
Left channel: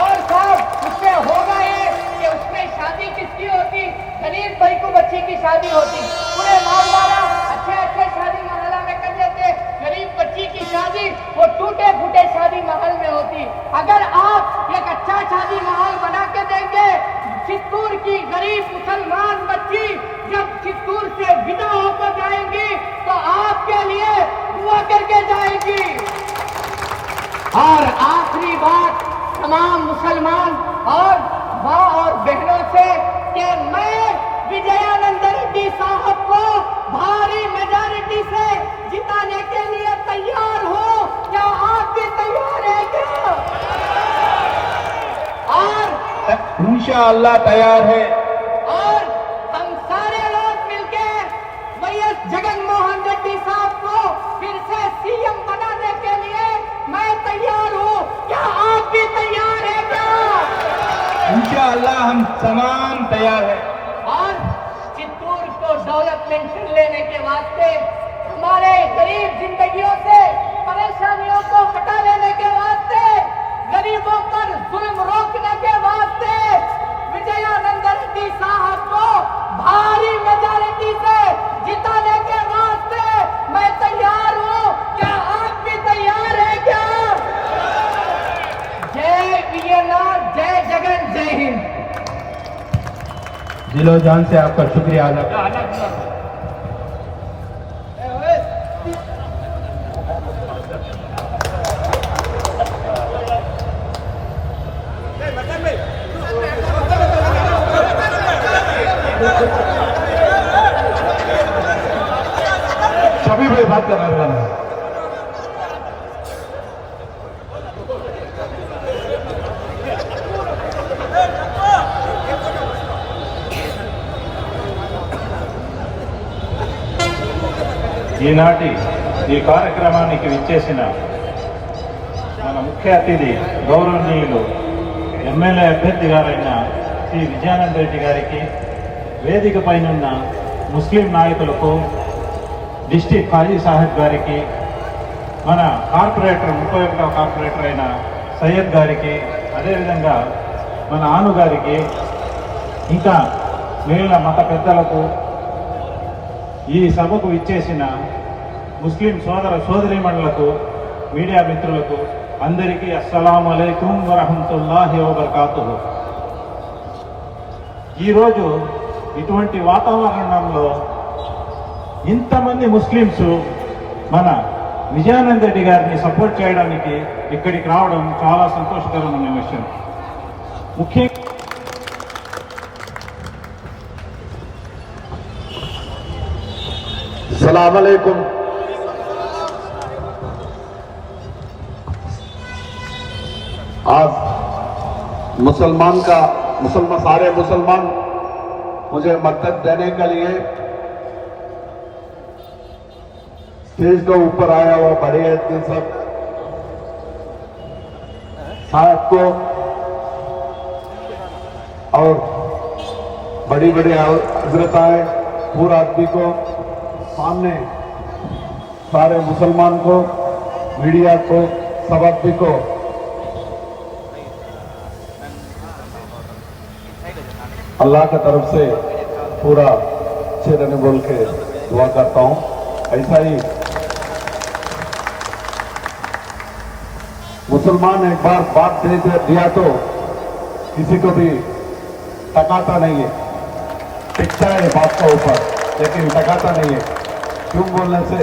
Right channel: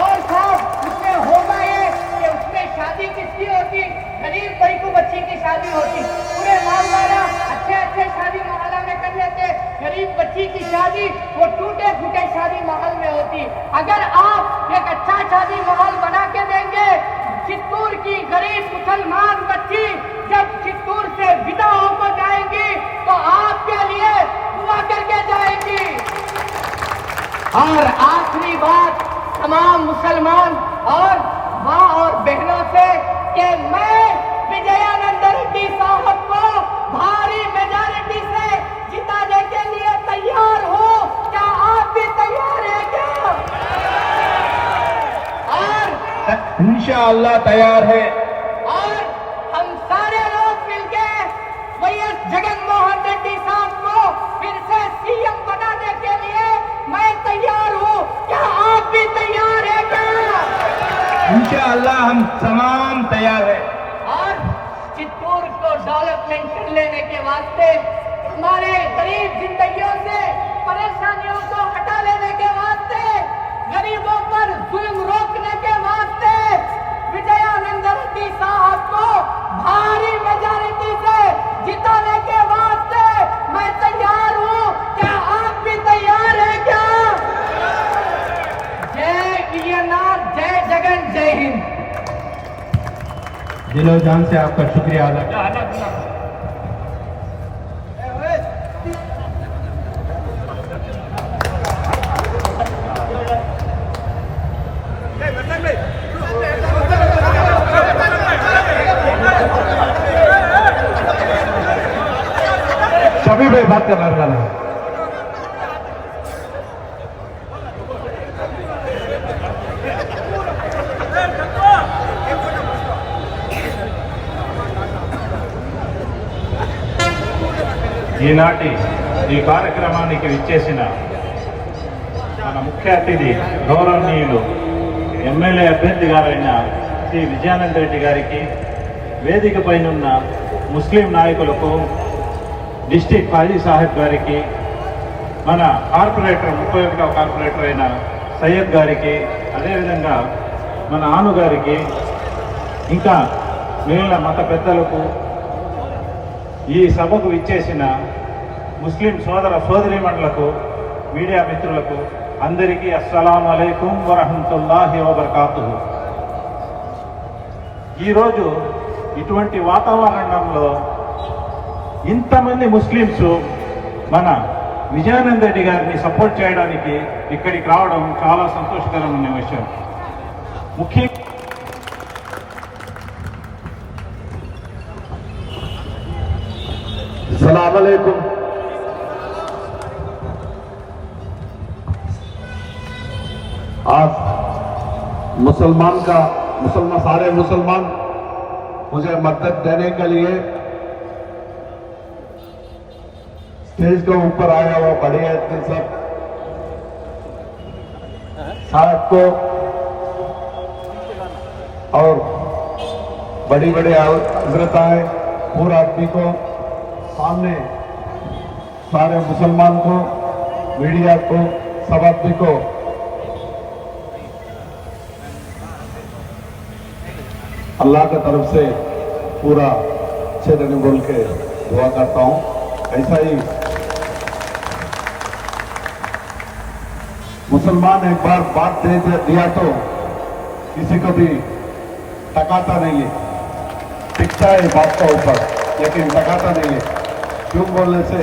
और साहब उसमें होगा ये कि उसमें शादी किसकी होती? गरीब भाई को बच्ची की शादी होती। पूरे मालदारा अच्छे शादी महल में कर लेते, गरीब बच्ची की शादी वो टूटे फूटे शादी महल में होती। अगर आप एक अच्छा शादी महल बना के देंगे, चित्तूर की गरीब मुसलमान बच्ची जब चित्तूर से विदा होकर जाएंगी तो आपके लिए दुआ करके जाएंगी। और आखिरी बात तमाम मुसलमान और माँ और बहनों से कि मैं विजयानंद रेड्डी साहब को भारी मेजॉरिटी से जिताने के लिए तैयार हूँ। क्या आप भी तैयार हैं क्या? और इंशाअल्लाह तैयार है। और हम सारे लोग मिलकर वाईएस जगनमोहन रेड्डी साहब को फिर से सीएम बनाने के लिए मैं तैयार हूँ। क्या आप भी तैयार हैं क्या? इंशाअल्लाह हम तमाम तैयार है। और चित्तूर को डेवलपमेंट कर लेने के वास्ते, हमारे गरीब जिंदगियों से परेशानियों को हटा लेने के वास्ते, गरीबों पर जुल्म रोकने के वास्ते विजयानंद रेड्डी साहब को भारी मेजॉरिटी से जिताने के वास्ते मैं तैयार हूँ। क्या आप भी तैयार हैं क्या? जय वीरनाथ, जय जगन, जय हिंद। दिलो जान से आपका शुक्रिया अदा। सभी भाई बात करने वाला है। ఈనాటి ఈ కార్యక్రమానికి విచ్చేసిన మన ముఖ్య అతిథి గౌరవనీయులు ఎమ్మెల్యే అభ్యర్థి గారైన శ్రీ విజయానంద రెడ్డి గారికి, వేదిక పైనున్న ముస్లిం నాయకులకు, డిస్టిక్ ఫాజీ సాహెబ్ గారికి, మన కార్పొరేటర్ 31వ కార్పొరేటర్ అయిన సయ్యద్ గారికి, అదేవిధంగా మన ఆను గారికి, ఇంకా మిగిలిన మత పెద్దలకు, ఈ సభకు విచ్చేసిన ముస్లిం సోదర సోదరీమణులకు, మీడియా మిత్రులకు అందరికీ అస్సలాము అలైకుం వరహమతుల్లాహి వబర్కాతుహు. ఈరోజు ఇటువంటి వాతావరణంలో ఇంతమంది ముస్లిమ్స్ మన విజయానంద రెడ్డి గారిని సపోర్ట్ చేయడానికి ఇక్కడికి రావడం చాలా సంతోషకరమైన విషయం. ముఖ్యంగా अस्सलाम वालेकुम। आज सारे मुसलमान मुझे मदद देने के लिए स्टेज के ऊपर आया वो बड़े आदमी सब साहब को और बड़ी बड़ी हजरत आए पूरा आदमी को सामने, सारे मुसलमान को, मीडिया को, सब आदमी को अल्लाह की तरफ से पूरा अच्छे दिन बोल के दुआ करता हूँ। ऐसा ही मुसलमान एक बार बात दे दिया तो किसी को भी टकाता नहीं है, टिकता है बात के ऊपर लेकिन टकाता नहीं है। क्यों बोलने से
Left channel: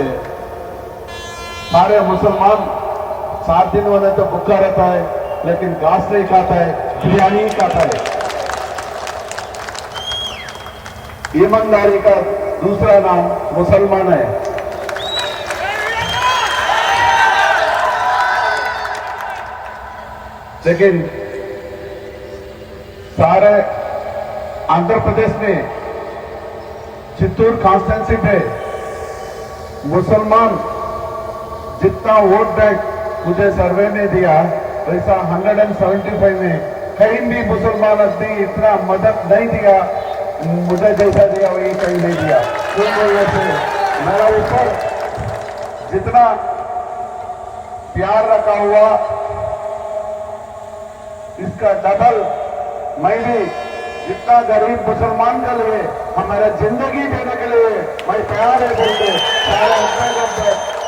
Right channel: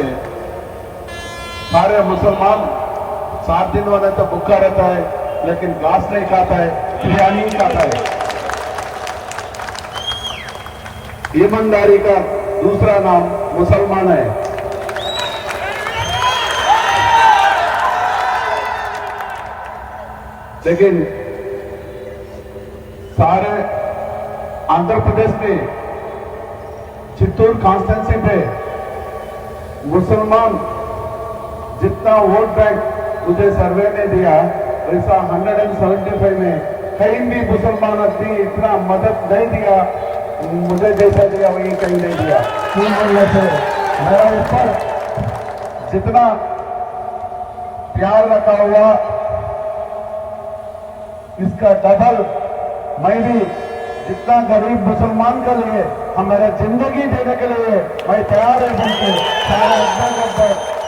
सारे मुसलमान 7 दिन वाला तो भूखा रहता है लेकिन घास नहीं खाता है, बिरयानी नहीं खाता है। ईमानदारी का दूसरा नाम मुसलमान है। लेकिन सारे आंध्र प्रदेश में चित्तूर कॉन्स्टिट्यूंसी में मुसलमान जितना वोट बैंक मुझे सर्वे में दिया ऐसा 175 में कहीं भी मुसलमान ने इतना मदद नहीं दिया मुझे जैसा दिया वही कहीं नहीं दिया। मेरे ऊपर जितना प्यार रखा हुआ इसका डबल मैं भी जितना गरीब मुसलमान के लिए हमारे जिंदगी देने के लिए मैं तैयार है बोलते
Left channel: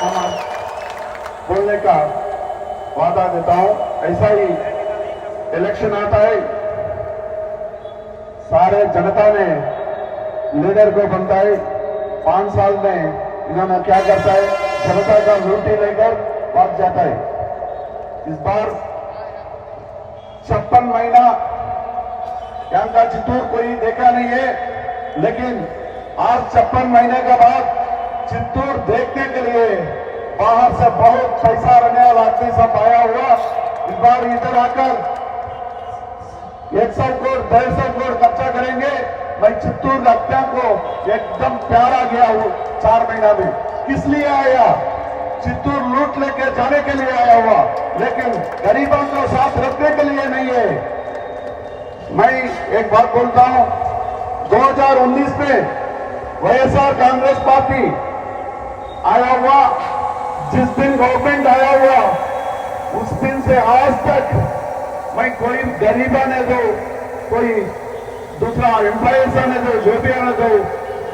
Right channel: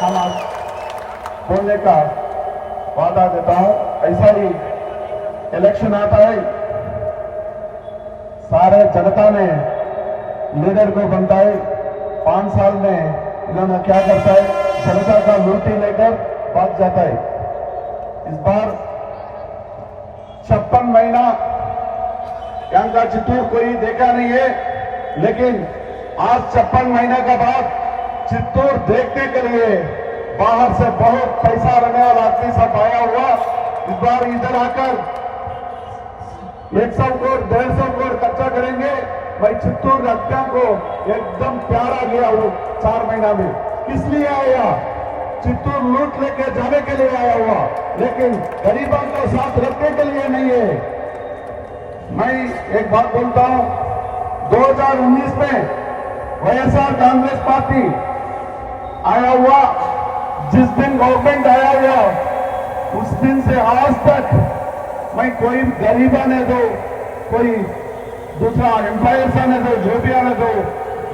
हम बोलने का वादा देता हूं। ऐसा ही इलेक्शन आता है सारे जनता ने लीडर को बनता है। 5 साल में इन्होंने क्या करता है जनता का लूटी लेकर भाग जाता है। इस बार 56 महीना यहाँ का चित्तूर कोई देखा नहीं है, लेकिन आज 56 महीने के बाद चित्तूर देखने के लिए बाहर से बहुत पैसा रहने वाला आदमी सब आया हुआ। इस बार इधर आकर 100 करोड़ 150 करोड़ खर्चा करेंगे। मैं चित्तूर लगता को एकदम प्यारा गया हूँ 4 महीना में। किस लिए आया? चित्तूर लूट लेके जाने के लिए आया हुआ, लेकिन गरीबों को साथ रखने के लिए नहीं है। मैं एक बात बोलता हूं, 2019 में वाईएसआर कांग्रेस पार्टी आया हुआ, जिस दिन गवर्नमेंट आया हुआ उस दिन से आज तक मैं कोई गरीब आने दो, कोई दूसरा एम्प्लॉयर्स आने दो, जो भी आने दो,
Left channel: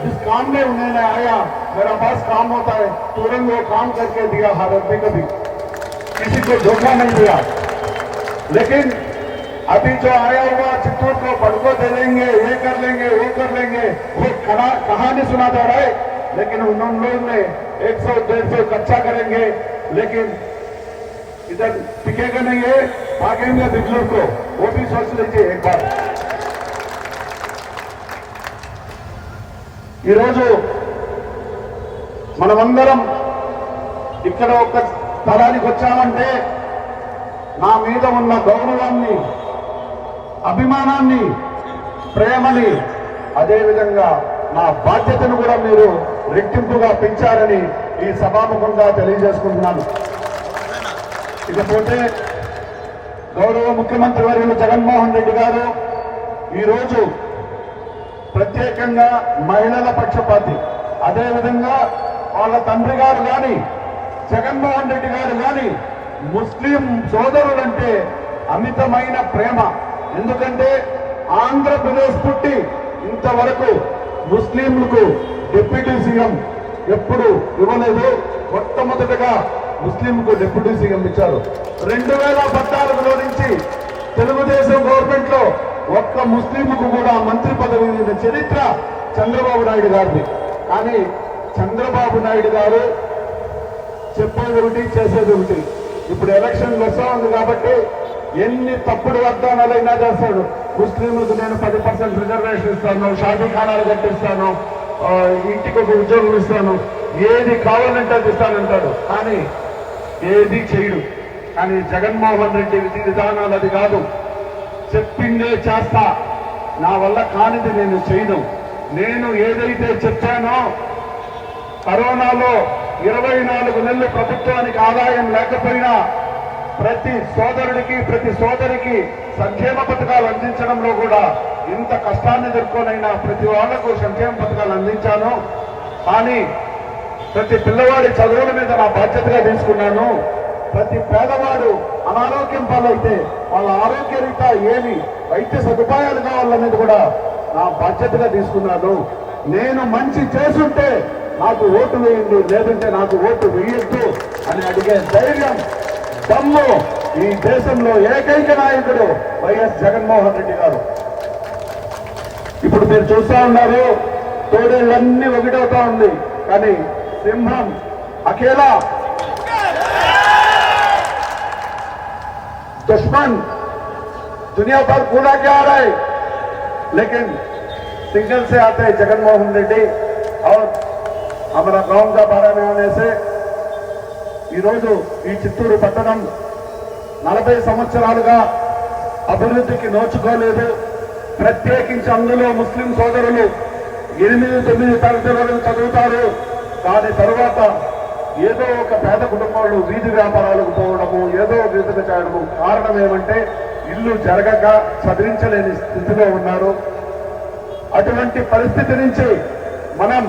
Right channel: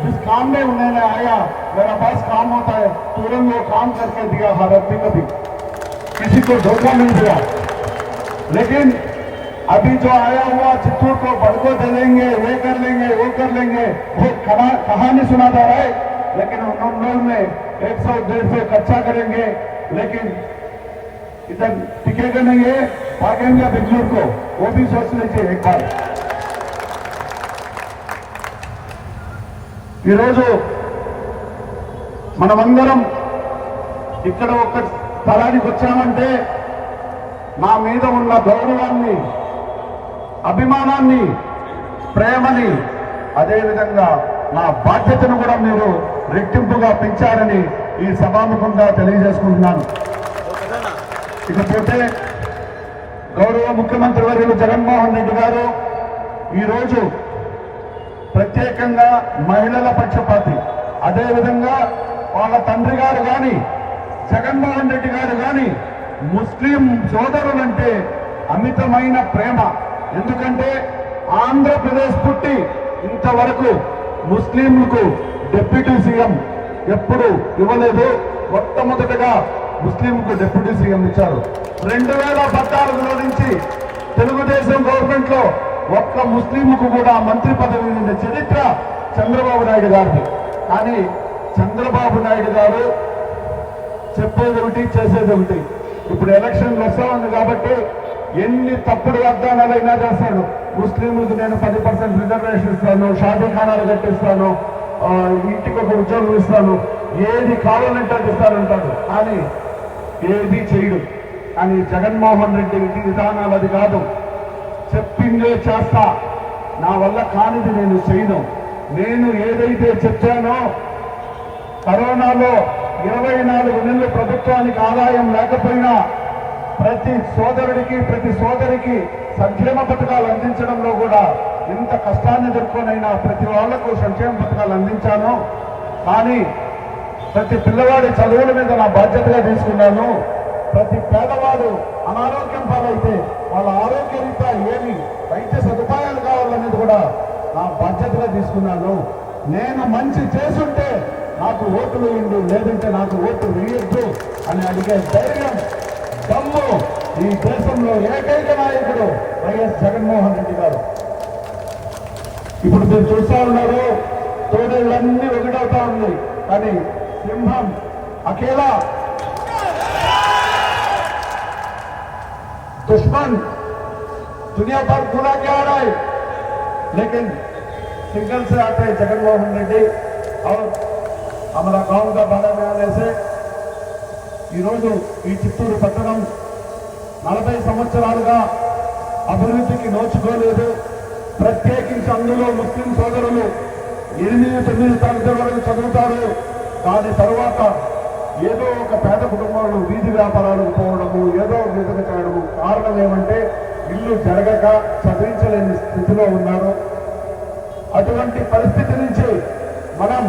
जिस काम में उन्होंने आया मेरा पास काम होता है तुरंत वो काम करके दिया। हर आदमी को भी किसी को धोखा नहीं दिया। लेकिन अभी जो आया हुआ चित्तूर को बड़को दे लेंगे, ये कर लेंगे, वो कर लेंगे, वो कहानी सुना जा रहा है। लेकिन उन लोगों ने 100-150 खर्चा करेंगे, लेकिन इधर टिकेगा नहीं है, भागेंगे बेंगलुरु को। वो भी सोच लीजिए एक बार। ఈరోజు మనమందరం ఇక్కడ ఒక స్థలానికి వచ్చామంటే నా మీద ఉన్న గౌరవాన్ని, అభిమానాన్ని, ప్రేమని, అదేవిధంగా నా బాధ్యతను కూడా మీరు రెట్టింపుగా పెంచారని ఈ సభాముఖంగా తెలియజేసుకుంటున్నాను. ఇకపోతే గౌరవ ముఖ్యమంత్రి వర్యులు జగన్మోహన్ రెడ్డి గారు ఈరోజు ప్రత్యేకంగా మహిళల పక్షపాతి, అదేవిధంగా వాళ్ళ తండ్రి గారు కానీ జగన్మోహన్ రెడ్డి గారు కానీ ముస్లిం సోదరులంటే అమితమైన ప్రేమ. ఎందుకంటే ఆంధ్రప్రదేశ్ పుట్టి ఇంతవరకు ముస్లింలకు డిప్యూటీ సీఎం ఎప్పుడు ఇవ్వలేదు. మొట్టమొదటిగా ముస్లింకు డిప్యూటీ సీఎం ఇచ్చారు. 2014లో నుంచి తెలుగుదేశం గవర్నమెంట్ లో ఒక్క ముస్లింకు కూడా మంత్రి పదవి ఇచ్చిన చరిత్ర చంద్రబాబు నాయుడు గారిది. కానీ చంద్రబాబు నాయుడు గారు చెప్పేది ఒకటి, చేసేది ఒకటి. ఇప్పుడు ఎలక్షన్ వస్తా ఉంది కాబట్టి ఎన్ని తప్పుడు వాగ్దానాలైనా చేస్తాడు. ముస్లింలకు నేను 10% రిజర్వేషన్ ఇస్తాను, షాదీ ఖానాలు కట్టిస్తాను, ఇంటికి ఒక ఉద్యోగం ఇస్తాను, ఏది కావాలంటే అది ఇస్తానంటాడు. కానీ ఏది చేయడు. కానీ జగన్మోహన్ రెడ్డి విధానాలు అది కాదు. చెప్పిందే చేస్తా, నా వల్ల కానిది నేను చేయను. నేను ఏదైతే చెప్పానో కరోనాలో 24 నెలలు ప్రభుత్వానికి ఆదాయం లేకపోయినా ప్రతి సోదరుడికి, ప్రతి సోదరికి సంక్షేమ పథకాలు అందించడంలో కూడా ఇంత కష్టాన్ని ఎదుర్కొనైనా ప్రతి వాళ్లకు సంక్షేమ పథకాలు అందించాను. కానీ ప్రతి పిల్లవాడి చదువుల మీద నా బాధ్యతగా తీసుకున్నాను. ప్రతి పేదవాడు అనారోగ్యం పాలైతే వాళ్ళ ఆరోగ్య రీత్యా ఏమి వైద్య సదుపాయాలు కావాలనేది కూడా నా బాధ్యతగా తీసుకున్నాను. నేను మంచి చేసుంటే నాకు ఓటు వేయండి, లేదంటే నాకు ఓటు వేయొద్దు అని అడిగే ధైర్యం, దమ్ము ఈ దేశంలో ఏకైక నాయకుడు వైఎస్ జగన్మోహన్ రెడ్డి గారు. ఇప్పుడు మీరు చూస్తా ఉన్నారు, తోడేళ్ళన్నీ ఒకటవుతా ఉంది, కానీ సింహం అకేలా दुश्मन दुनिया पर पूरा क्या आ रहा है, लेकिन सिंगल से आते हैं जगनमोहन रेड्डी और हमारा गांव का बारा में आने से ఈరోజు ఈ చిత్తూరు పట్టణం 40 సంవత్సరాలుగా అభివృద్ధికి నోచుకోలేదు. ప్రత్యేకించి అందులో ముస్లిం సోదరులు 8-9 తరగతి వరకు చదువుతారు. దాని తర్వాత ఏదో ఒక పేద కుటుంబాలు వీధి వ్యాపారాలకు పోవడము, ఏదో ఒక విధంగా చేయడము. కారణం ఏమంటే ఇల్లు జరగక చదివించలేని స్థితిలో ఉన్నారు. అటువంటి పరిస్థితి నుంచి మనం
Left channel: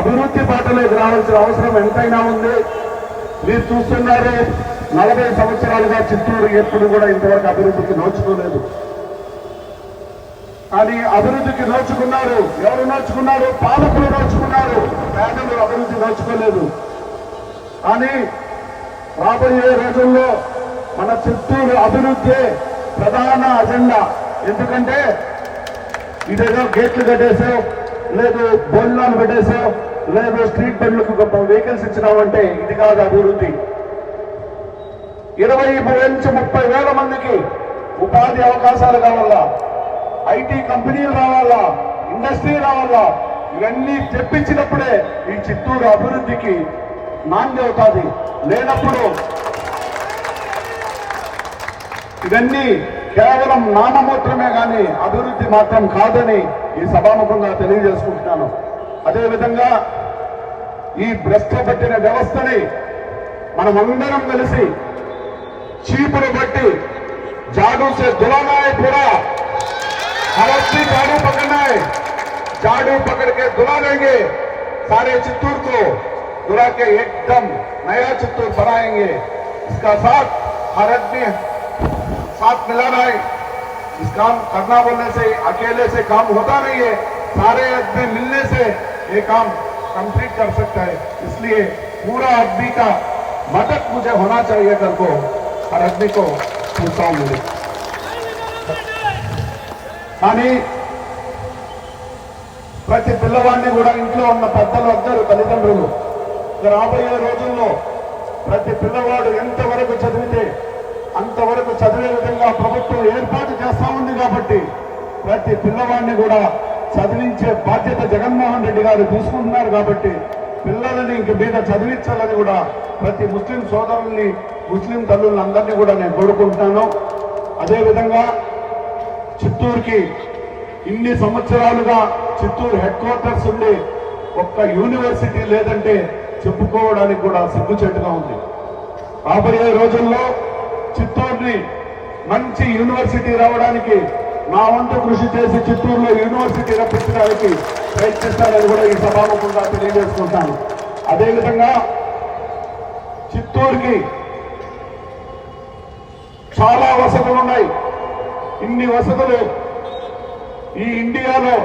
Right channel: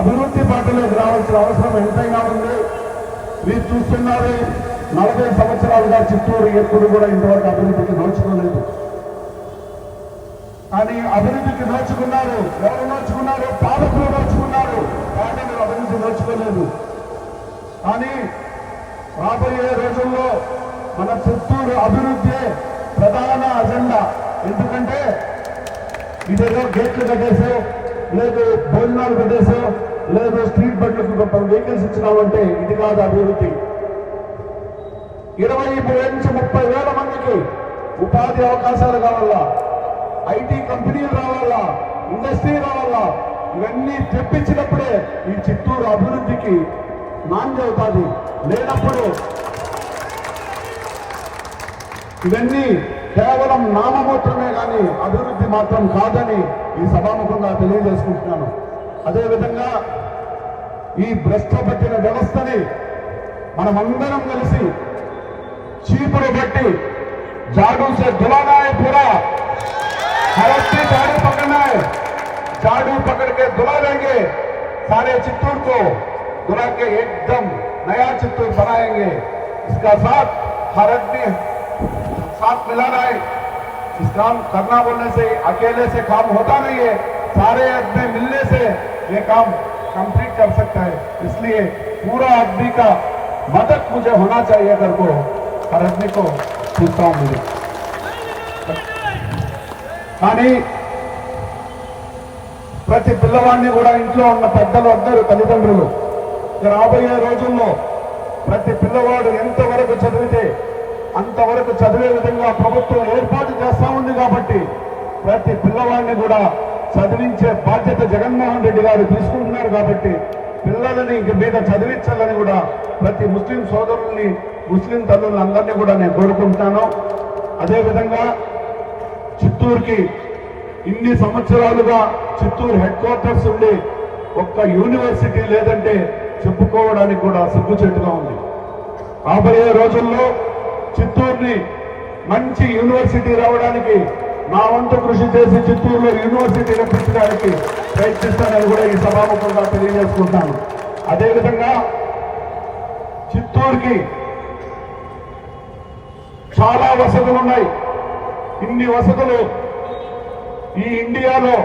అభివృద్ధి బాటలోకి రావాల్సిన అవసరం ఎంతైనా ఉంది. మీరు చూస్తున్నారు 40 సంవత్సరాలుగా చిత్తూరు ఎప్పుడు కూడా ఇంతవరకు అభివృద్ధికి నోచుకోలేదు. కానీ అభివృద్ధికి నోచుకున్నారు. ఎవరు నోచుకున్నారు? పాలకులు నోచుకున్నారు. పేదలు అభివృద్ధి నోచుకోలేదు. కానీ రాబోయే రోజుల్లో మన చిత్తూరు అభివృద్ధి ప్రధాన అజెండా. ఎందుకంటే ఇదేదో గేట్లు కట్టేసావు, లేదు భోజనాలు పెట్టేసావు, లేదు స్ట్రీట్ బెడ్లకు వెహికల్స్ ఇచ్చినామంటే ఇది కాదు అభివృద్ధి. 20 నుంచి 30 వేల మందికి ఉపాధి అవకాశాలు కావాలా, ఐటీ కంపెనీలు రావాలా, ఇండస్ట్రీ రావాలా. ఇవన్నీ తెప్పించినప్పుడే ఈ చిత్తూరు అభివృద్ధికి నాంది అవుతుంది. లేనప్పుడు ఇవన్నీ కేవలం నామమాత్రమే కానీ అభివృద్ధి మాత్రం కాదని ఈ సభాముఖంగా తెలియజేసుకుంటున్నాను. అదేవిధంగా ఈ భ్రష్టపట్టిన వ్యవస్థని మనమందరం కలిసి చీపులు బట్టి झाड़ू से धुलाना है पूरा, झाड़ू पकड़ना है, झाड़ू पकड़ के धुला देंगे सारे चित्तूर को, धुला के एकदम नया चित्तूर बनाएंगे. इसका साथ हर आदमी साथ मिलाना है. इस काम करना बोलने से अकेले से काम होता नहीं है, सारे आदमी मिलने से ये काम कंप्लीट कर सकता है. इसलिए पूरा आदमी का मदद मुझे होना चाहिए करके हर आदमी को पूछता हूं मुझे. కానీ ప్రతి పిల్లవాడిని కూడా ఇంట్లో ఉన్న పెద్దలు అందరూ తల్లిదండ్రులు రాబోయే రోజుల్లో ప్రతి పిల్లవాడు ఎంతవరకు చదివితే అంతవరకు చదివే విధంగా ప్రభుత్వం ఏర్పాటు చేస్తా ఉంది. కాబట్టి ప్రతి పిల్లవాడిని కూడా చదివించే బాధ్యత జగన్మోహన్ రెడ్డి గారు తీసుకుంటున్నారు. కాబట్టి పిల్లలని ఇంక మీద చదివించాలని కూడా ప్రతి ముస్లిం సోదరుల్ని, ముస్లిం తల్లుల్ని అందరినీ కూడా నేను కోరుకుంటున్నాను. అదేవిధంగా చిత్తూరుకి ఇన్ని సంవత్సరాలుగా చిత్తూరు హెడ్ క్వార్టర్స్ ఉండి ఒక్క యూనివర్సిటీ లేదంటే చెప్పుకోవడానికి కూడా సిగ్గుచేటుగా ఉంది. రాబోయే రోజుల్లో చిత్తూరుని మంచి యూనివర్సిటీ రావడానికి నా వంతు కృషి చేసి చిత్తూరులో యూనివర్సిటీ రప్పించడానికి ప్రయత్నిస్తానని కూడా ఈ సభాముఖంగా తెలియజేసుకుంటున్నాను. అదేవిధంగా చిత్తూరుకి చాలా వసతులు ఉన్నాయి. ఇన్ని వసతులు ఈ ఇండియాలో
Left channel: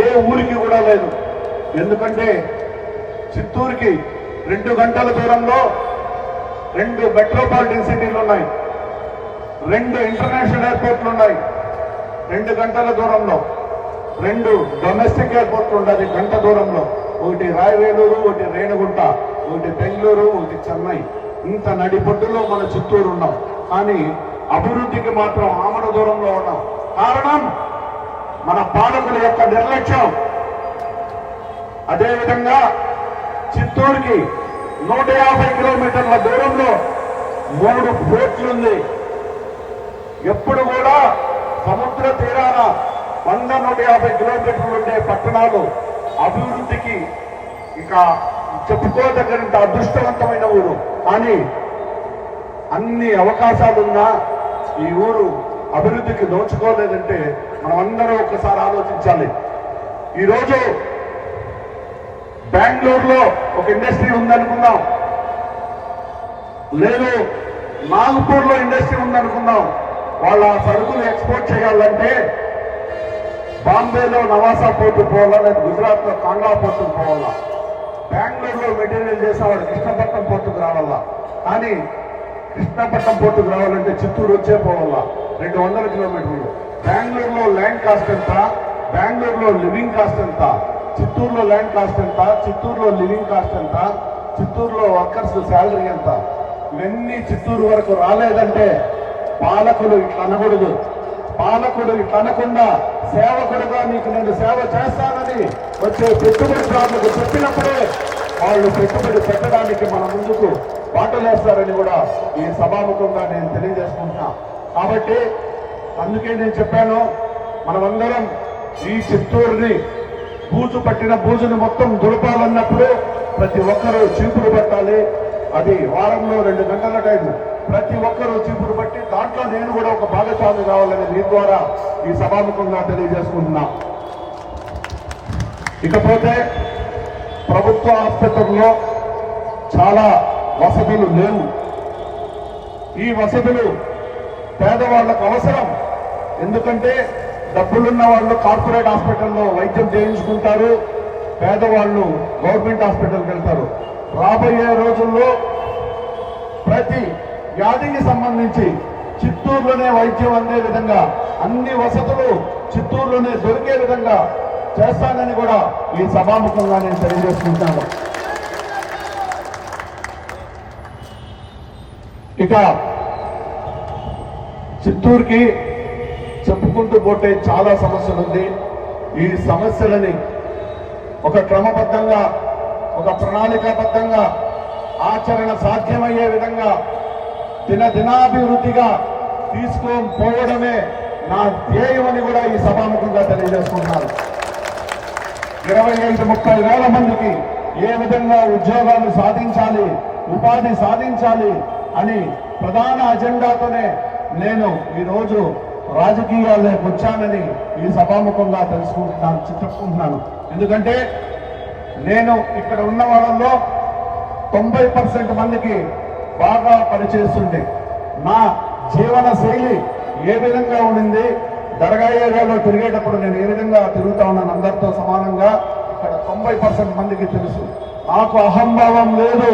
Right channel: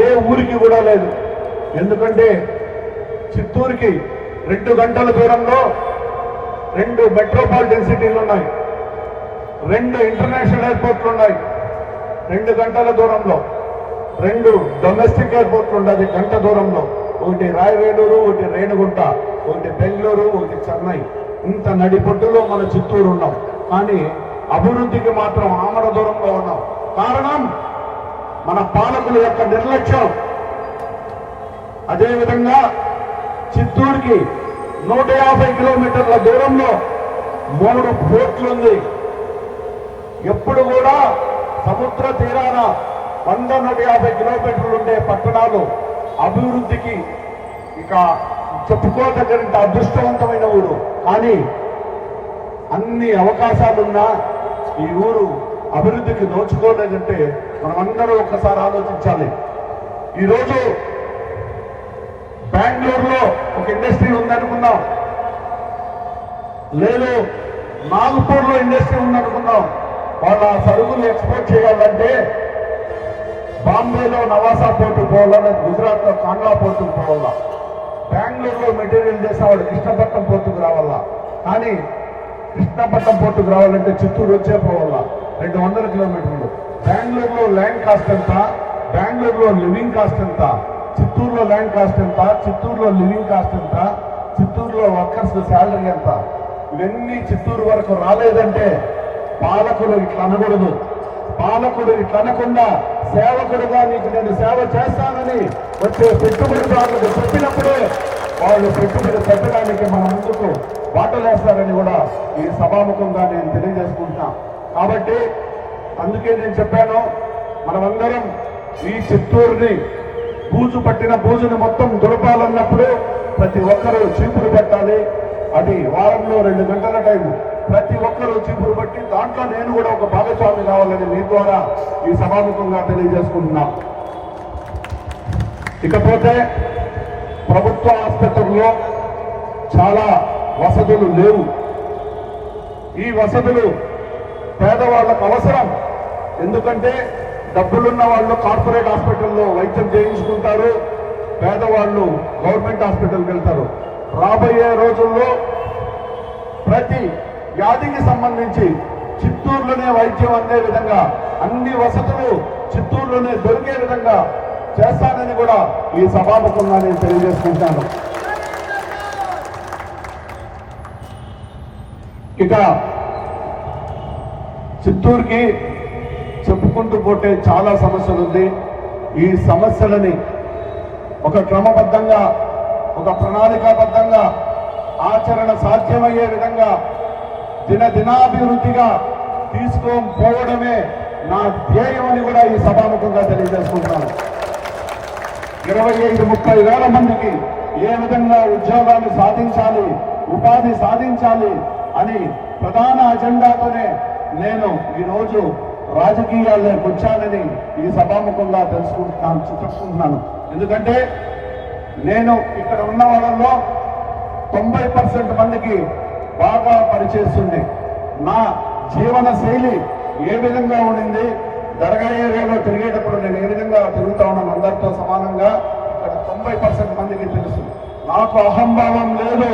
ఏ ఊరికి కూడా లేదు. ఎందుకంటే చిత్తూరుకి 2 గంటల దూరంలో 2 మెట్రోపాలిటన్ సిటీలు ఉన్నాయి, 2 ఇంటర్నేషనల్ ఎయిర్పోర్ట్లు ఉన్నాయి. 2 గంటల దూరంలో 2 డొమెస్టిక్ ఎయిర్పోర్ట్లు ఉన్నాయి గంట దూరంలో. ఒకటి రాయవేలూరు, ఒకటి రేణిగుంట, ఒకటి బెంగళూరు, ఒకటి చెన్నై. ఇంత నడిపొడ్డులో మన చిత్తూరు ఉన్నాం. కానీ అభివృద్ధికి మాత్రం ఆమడ దూరంలో ఉన్నాం. కారణం మన పాలకుల యొక్క నిర్లక్ష్యం. అదేవిధంగా చిత్తూరుకి 150 కిలోమీటర్ల దూరంలో 3 పోర్ట్లు ఉంది. ఎప్పుడు కూడా సముద్ర తీరాన 100-150 కిలోమీటర్లు ఉండే పట్టణాలు అభివృద్ధికి ఇక చెప్పుకోదగ్గ అదృష్టవంతమైన ఊరు. కానీ అన్ని అవకాశాలున్నా ఈ ఊరు అభివృద్ధికి నోచుకోలేదంటే మనం అందరూ ఒక్కసారి ఆలోచించాలి. ఈరోజు బెంగళూరులో ఒక ఇండస్ట్రీ ఉందనుకున్నాం, లేదు నాగపూర్లో ఇండస్ట్రీ ఉందనుకున్నాం. వాళ్ళ సరుకులు ఎక్స్పోర్ట్ చేయాలంటే బాంబేలో నవాసా పోర్టు పోవాలా, గుజరాత్లో కాంగ్లా పోర్టుకు పోవాలా, బెంగళూరులో మెటీరియల్ చేసేవాళ్ళు కృష్ణపట్నం పోర్టుకు రావాలా. కానీ కృష్ణపట్నం పోర్టుకు రావాలంటే చిత్తూరు వచ్చే పోవాలా, 200 కిలోమీటర్లు. బెంగళూరులో ల్యాండ్ కాస్ట్ ఎంత, బెంగళూరులో లివింగ్ కాస్ట్ ఎంత, చిత్తూరులో ల్యాండ్ కాస్ట్ ఎంత, చిత్తూరులో లివింగ్ కాస్ట్ ఎంత, చిత్తూరులో వర్కర్స్ శాలరీ ఎంత. ఇవన్నీ చిత్తూరు వరకు రాలేదంటే పాలకులు ఇట్లా అనకూడదు. పాలకుడు ఇట్లా అనకుండా సేవకుడుగా నీకు నేను సేవ చేస్తానని వచ్చే పెట్టుబడిదారులకు చెప్పినప్పుడే వాళ్ళు పెట్టుబడి పెట్టడానికి మన ముందుకు బాటలేస్తారని కూడా ఈ సభాముఖంగా నేను తెలియజేసుకుంటా. కాబట్టి అందుకే నేను చెప్పాను, మనమందరం ఈ చిత్తూరుని బూజు పట్టిన బూజుని మొత్తం దులపాలన్నప్పుడే ప్రతి ఒక్కరూ చీపురు పట్టాలి. అది వారంలో 2 గంటల టైం. ప్రతి ఒక్కరూ చీపురు పట్టి దాంట్లో నేను కూడా ఒక భాగస్వామి కావాలని మీ ద్వారా ఈ సభాముఖంగా తెలియజేసుకుంటున్నా. ఇకపోతే ప్రభుత్వ ఆసుపత్రుల్లో చాలా వసతులు లేవు. ఈ వసతులు పేదవాళ్లకు అవసరం. ఎందుకంటే డబ్బులున్న వాళ్ళు కార్పొరేట్ హాస్పిటల్లో వైద్యం చేయించుకుంటారు, పేదవాళ్ళు గవర్నమెంట్ హాస్పిటల్కి వెళ్తారు. రాబోయే రోజుల్లో ప్రతి వ్యాధికి సంబంధించి చిత్తూరులోనే వైద్యం అందే విధంగా అన్ని వసతులు చిత్తూరులోనే దొరికే విధంగా చేస్తానని కూడా ఈ సభాముఖంగా నేను తెలియజేసుకుంటాను. ఇక చిత్తూరుకి చెప్పుకుంటూ పోతే చాలా సమస్యలు ఉంది. ఈ సమస్యలని ఒక క్రమబద్ధంగా, ఒక ప్రణాళికాబద్ధంగా ఆచరణ సాధ్యమయ్యే విధంగా దినాభివృద్ధిగా తీసుకోపోవడమే నా ధ్యేయమని కూడా ఈ సభాముఖంగా తెలియజేసుకుంటున్నాను. 25-30 వేల మందికి ఏ విధంగా ఉద్యోగాలు సాధించాలి, ఉపాధి సాధించాలి అని ప్రధాన అజెండాతోనే నేను ఈరోజు రాజకీయాల్లోకి వచ్చానని ఈ సభాముఖంగా చెప్పుకుంటున్నాను. ఎందుకంటే నేను ఇక్కడ ఉన్న వాళ్ళలో 90% మందికి బాగా పనిచేస్తుంది. నా జీవన శైలి ఏ విధంగా ఉండింది, దర్గా ఏరియాలో తిరిగేటప్పుడు నేను ఏ విధంగా తిరుగుతా ఉన్నాను అందరితో సమానంగా, ఇక్కడ 90% మందికి తెలుసు. నాకు అహంభావం లేదు.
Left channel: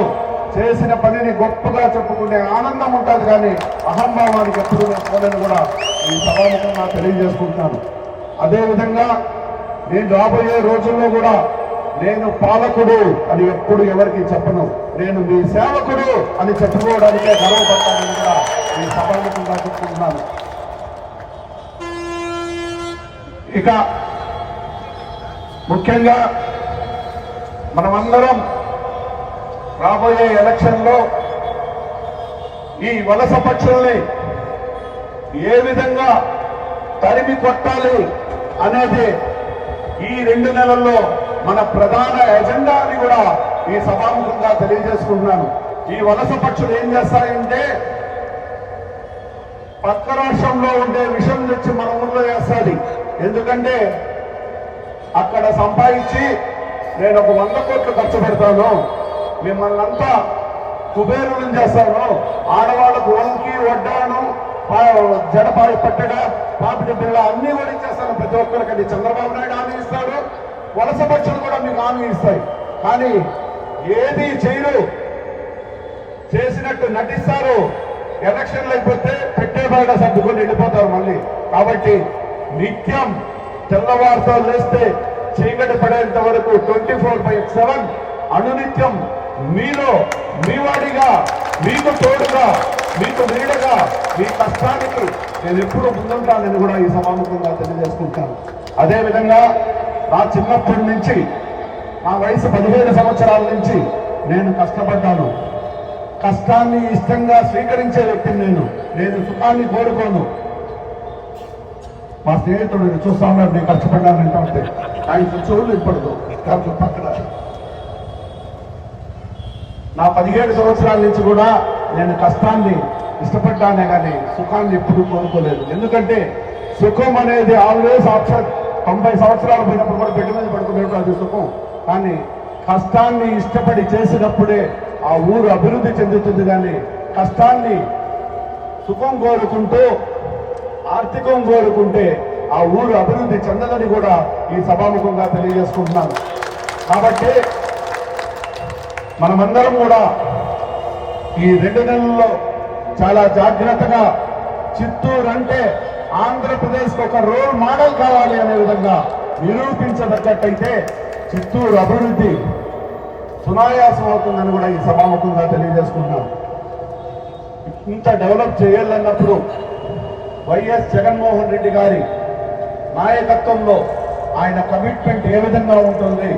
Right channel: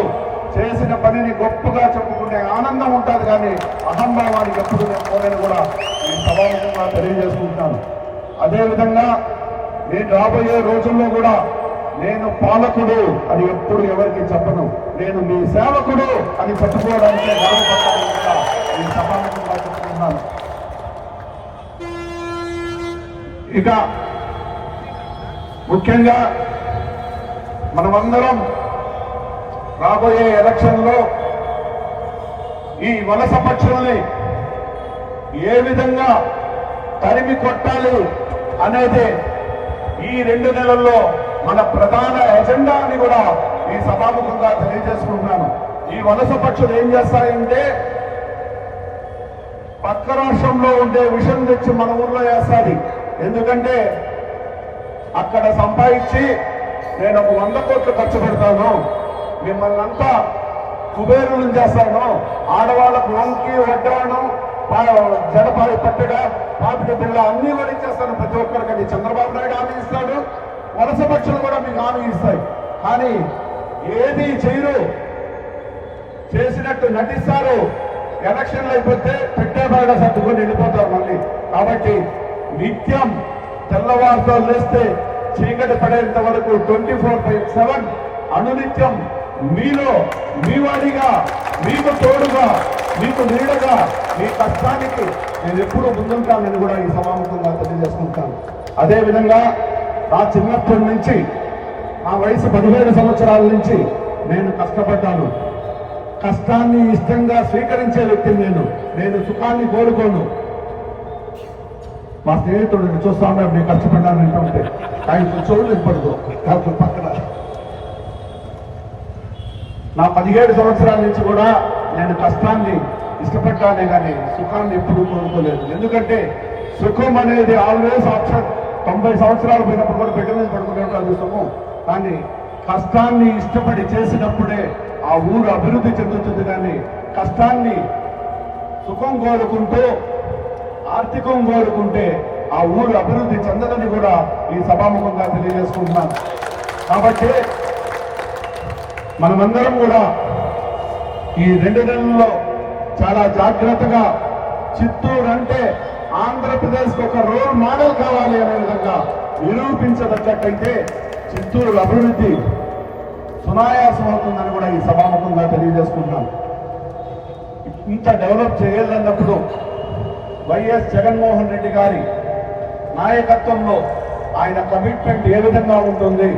చేసిన పనిని గొప్పగా చెప్పుకునే ఆనందం ఉంటుంది, కానీ అహంభావానికి ఎప్పుడు కూడా ఈ సమాజంగా తెలియజేసుకుంటాను. అదేవిధంగా నేను రాబోయే రోజుల్లో కూడా నేను పాలకుడు అని ఎప్పుడు ఎవరికి చెప్పను. నేను మీ సేవకుడు అని చెప్పుకోవడానికే గర్వపడుతున్నాను ఈ సమాజంగా చెప్పుకుంటున్నాను. ఇక ముఖ్యంగా మనమందరం రాబోయే ఎలక్షన్లో ఈ వలస పక్షుల్ని ఏ విధంగా తరిమి కొట్టాలి అనేది ఈ 2 నెలల్లో మన ప్రధాన ఎజెండా అని కూడా ఈ సభాముఖంగా తెలియజేసుకుంటున్నాను. ఈ వలస పక్షులు ఏం చేస్తాయంటే పక్క రాష్ట్రంలో ఉండే విషం తెచ్చి మన ఊళ్ళో వేస్తాది. ఎందుకంటే అక్కడ సంపాదించి నేను ఒక 100 కోట్లు ఖర్చు పెడతాను, మిమ్మల్ని అంతా కుబేరులను చేస్తాను, ఆడవాళ్ళకు వంకి వడ్డాను జడపాలు పట్టడ పాపిడి పిల్ల అన్ని కూడా ఇచ్చేస్తాను ప్రతి ఒక్కరికి. అది చంద్రబాబు నాయుడు హామీ ఇస్తాడు, వలస పక్షులు కూడా మీకు హామీ ఇస్తారు. కానీ ఏది చేయరు, చేసినట్టు నటిస్తారు. ఎలక్షన్లు అయిపోతే పెట్టే బయట సర్దుకొని వెళ్ళిపోతారు మళ్ళీ. కాబట్టి నిత్యం తెల్లవారుతో లేస్తే చీకటి పడేంత వరకు 24/7 అనునిత్యం మీలో మీ వాడిగా, మీకు తోడుగా, మీకు నీడగా, మీ కష్టానికి నేను ఎప్పుడూ ముందుంటానని కూడా ఈ సమాముఖంగా తెలియజేసుకుంటాను. అదేవిధంగా నా చిన్నప్పటి నుంచి, నా వయసు 17 సంవత్సరాల నుంచి నేను కష్టపడ్డాను. కష్టాన్ని ఇష్టంగా స్వీకరించే వ్యక్తిని నేను సుఖాన్ని కోరుకోను. మా స్నేహితుడు చూస్తా ఉన్నారు, నేను కష్టపడ్డానంటా ఉంటే ఆయన చోటు ఇప్పడదు కాదు పక్కన. నా 17 సంవత్సరాల నుంచి కూడా నేను కష్టాన్ని ఇష్టపడ్డానే కానీ సుఖాన్ని ఎప్పుడు కోరుకోలేదు. ఎందుకంటే సుఖం అనేది ఆల్వేస్ ఆప్షన్. 90 సంవత్సరాలు పడినప్పుడు కూడా బిడ్డ మీద పడుకోలేదు అది సుఖం. కానీ కష్టాన్ని ఇష్టపడి చేసినప్పుడే ఆ ఊరు అభివృద్ధి చెందుతుంది. కానీ కష్టాన్ని సుఖం కోరుకుంటూ ఆర్థికం కోరుకుంటే ఆ ఊరు అభివృద్ధి చెందదని కూడా ఈ సభాముఖంగా తెలియజేసుకుంటున్నాను. కాబట్టి మనమందరం కూడా ఈ 2 నెలల్లో చాలా జాగ్రత్తగా చిత్తూరు అంటే ఆంధ్రప్రదేశ్కి ఒక రోల్ మోడల్ కావాలి అనే విధంగా నిరూపించదగ్గట్టయితే చిత్తూరు అభివృద్ధి సునాయాసం అవుతుందని కూడా ఈ సభాముఖంగా తెలియజేసుకుంటున్నాం. ఇంత డెవలప్ చేయాలన్నప్పుడు వైఎస్ జగన్మోహన్ రెడ్డి గారి నాయకత్వంలో ఆయన కమిట్మెంట్ ఏ విధంగా ఉంటుంది,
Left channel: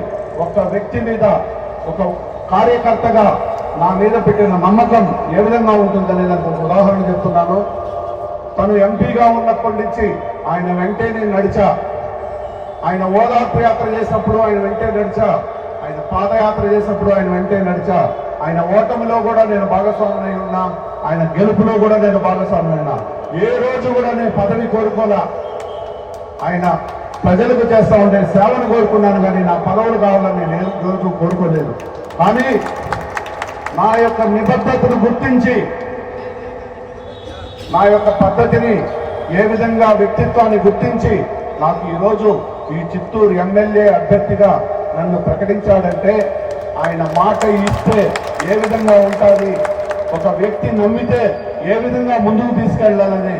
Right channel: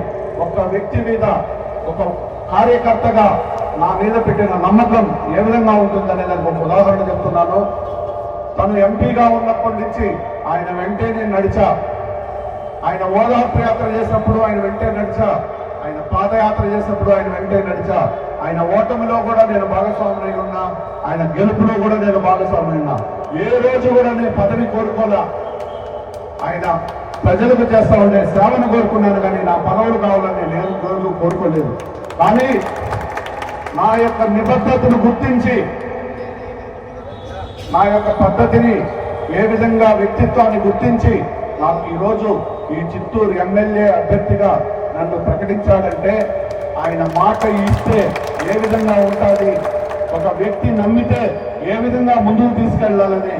ఒక వ్యక్తి మీద ఒక కార్యకర్తగా నా మీద పెట్టిన నమ్మకం ఏ విధంగా ఉంటుందనే దానికి ఒక ఉదాహరణ చెప్తున్నాను. తను ఎంపీగా ఉన్నప్పటి నుంచి ఆయన వెంటే నేను నడిచా. ఆయన ఓదార్పు యాత్ర చేసినప్పుడు ఆయన వెంటే నడిచా. ఆయన పాదయాత్ర చేసినప్పుడు ఆయన వెంటే నడిచా. ఆయన ఓటమిలో కూడా నేను భాగస్వామి ఉన్నా, ఆయన గెలుపులో కూడా నేను భాగస్వామి ఉన్నా. ఏ రోజు కూడా నేను పదవి కోరుకోనా. ఆయన ప్రజలకు చేస్తా ఉండే సేవను కోరుకున్నాను, కానీ నా పదవులు కావాలని నేను కోరుకోలేదు. కానీ నా యొక్క నిబద్ధతను గుర్తించి, నా యొక్క పద్ధతిని, ఏ విధంగా వ్యక్తిత్వాన్ని గుర్తించి నాకు ఈరోజు ఈ చిత్తూరు ఎమ్మెల్యే అభ్యర్థిగా నన్ను ప్రకటించాడంటే ఆయన మాట ఇస్తే ఏ విధంగా ఉంటాడని, ఒక వ్యక్తి నమ్మితే ఏ విధంగా ముందుకు తీసుకెళ్లాలనే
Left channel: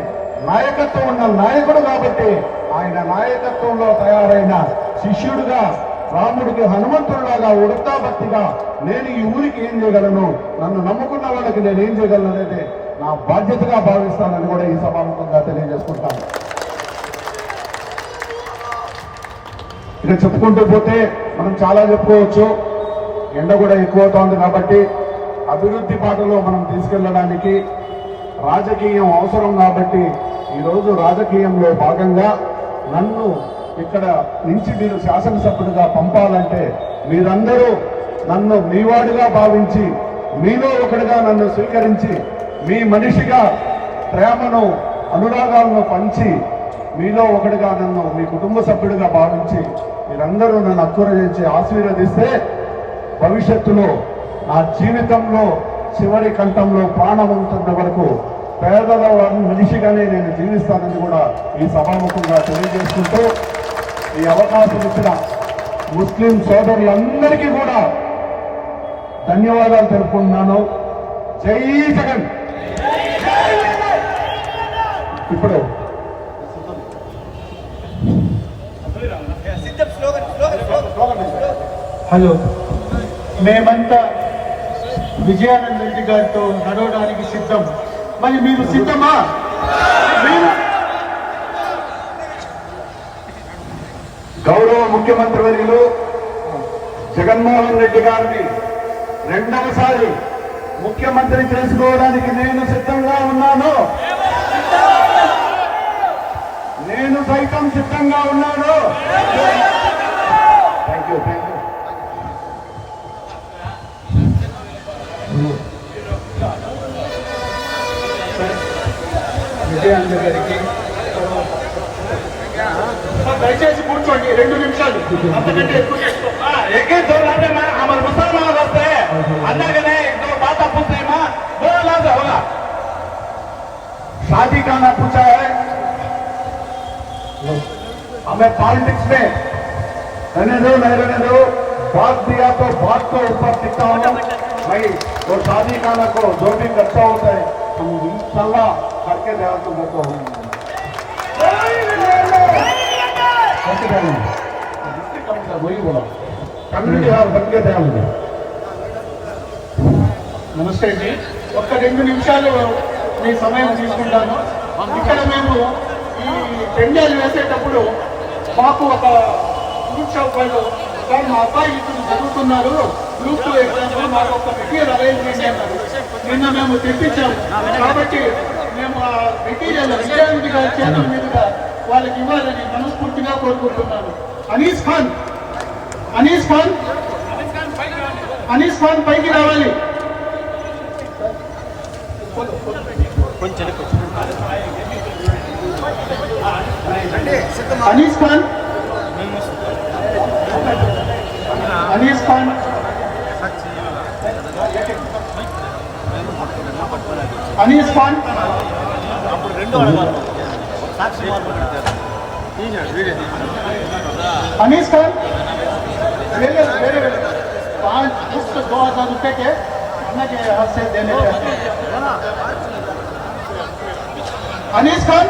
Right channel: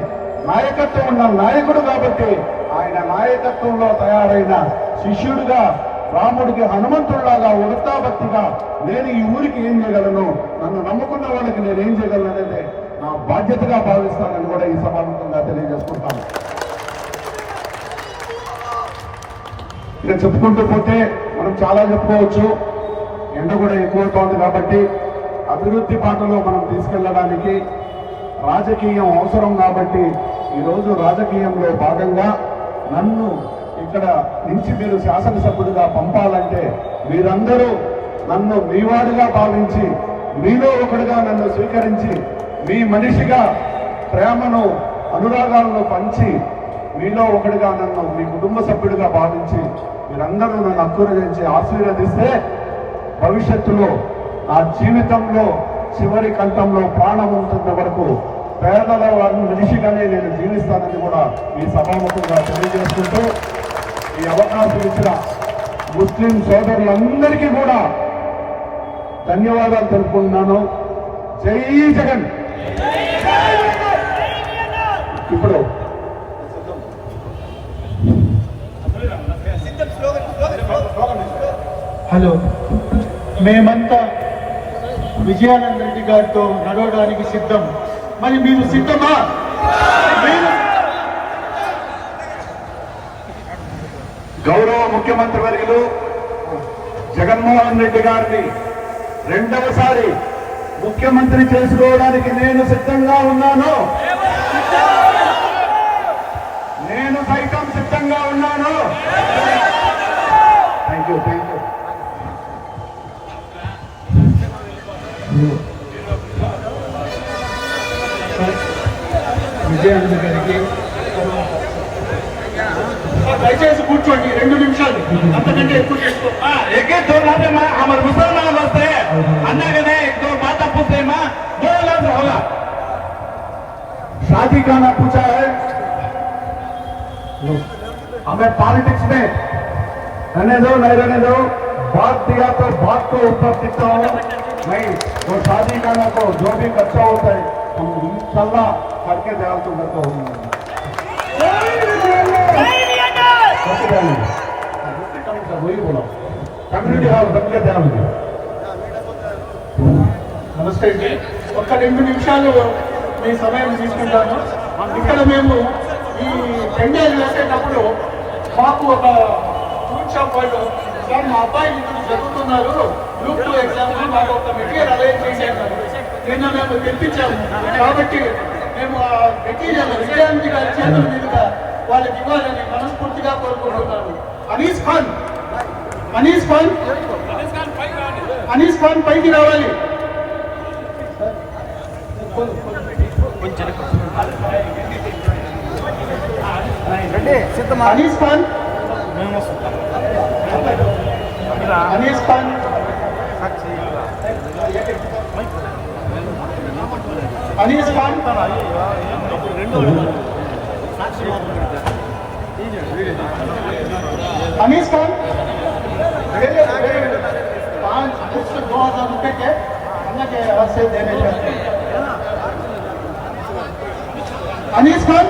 నాయకత్వం ఉన్న నాయకుడు కాబట్టి ఆయన నాయకత్వంలో తయారైన శిష్యుడిగా, రాముడికి హనుమంతుడిలాగా ఉడతాభక్తిగా నేను ఈ ఊరికి ఏం చేయగలను, నన్ను నమ్ముకున్న వాళ్ళకి నేను ఏం చేయగలను అనేది నా బాధ్యతగా భావిస్తానని కూడా ఈ సభాముఖంగా తెలియజేసుకుంటాను. ఇక చెప్పుకుంటూ పోతే మనం చాలా చెప్పుకోవచ్చు. ఎండ కూడా ఎక్కువ అవుతుంది కాబట్టి అభివృద్ధి బాటలో మనం తీసుకెళ్ళడానికి రాజకీయం అవసరం కాబట్టి ఈరోజు రాజకీయంలో భాగంగా నన్ను ఇక్కడ నుంచి మీరు శాసనసభ్యుడిగా పంపాలంటే మీరందరూ నన్ను మీవాడుగా భావించి, మీలో ఒకటిగా నన్ను స్వీకరించి, మీ మనిషిగా ప్రేమను, అనురాగాలను పంచి, మీలో ఒకటిగా నన్ను మీ కుటుంబ సభ్యుడిగా భావించి మీరందరూ నన్ను అక్కురగించి ఆశీర్వదిస్తే భవిష్యత్తులో నా జీవితంలో చివరి కంఠంలో ప్రాణం ఉంటున్న వరకు పేదల మనిషిగానే నేను జీవిస్తానని కూడా ఈ సభాముఖంగా తెలియజేస్తుంటూ ఈ అవకాశం ఇచ్చిన ముస్లిం సోదరి అందరికీ కూడా ధన్యవాదాలు తెలుపుకుంటున్నాను. జై జగన్. ఇప్పుడు హలో, మేమంతా విజయానంద రెడ్డి గారితో నడవడానికి సిద్ధం. మరి మీరు సిద్ధమా? గౌరవ ముఖ్యమంత్రి వర్యులు జగన్మోహన్ రెడ్డి గారిని రెండవసారి ముఖ్యమంత్రి చేసుకోవడానికి నేను సిద్ధంగా ఉన్నాను. నేను సైతం సిద్ధంగా ఉన్నాను. Thank you. విజయానంద గారికి దయచేసి కూర్చోండి 2 నిమిషాలు, అంతకంటే ఎక్కువ हमारे मुसलमान होते हैं अन्ना के नहीं दो बात पूछते हैं माँ दो लाख होगा शादी करना पूछा है हमें पॉलिटिक्स में रहने दो बात दिया तो बात को ऊपर दिखता हूँ नहीं वो शादी करना को जो भी करता होता है इंशाल्लाह करके ध्यान तो करता हूँ. वही बोला कम्युनिटी హాల్ करके ध्यान दो. నమస్తే జీ, ఒక్క 2 నిమిషాలు మీ సమయం తీసుకుంటాను. ఇక్కడ మేము ఈ పెండాలు వేసేటప్పుడు మాకు ఒక గ్రూప్ వాళ్ళు సార్ మా అబ్బాయి జరుగుతున్నారు గ్రూప్ ఎగ్జాంపుల్ మాకు ఒక మెటీరియల్ అరేంజ్ చేయండి అన్నారు. నిన్న మేము తెప్పించాము కాబట్టి మేము ఆ మెటీరియల్ విజయవంతి గారి చేతుల మీదుగా వాళ్ళకి ఇవ్వాలని మనస్ఫూర్తిగా కోరుకుంటున్నాను. అనీస్ ఖాన్ పైకి రావాలి. అనీస్ ఖాన్ उसको 2000 रुपये के से देने अनीस खान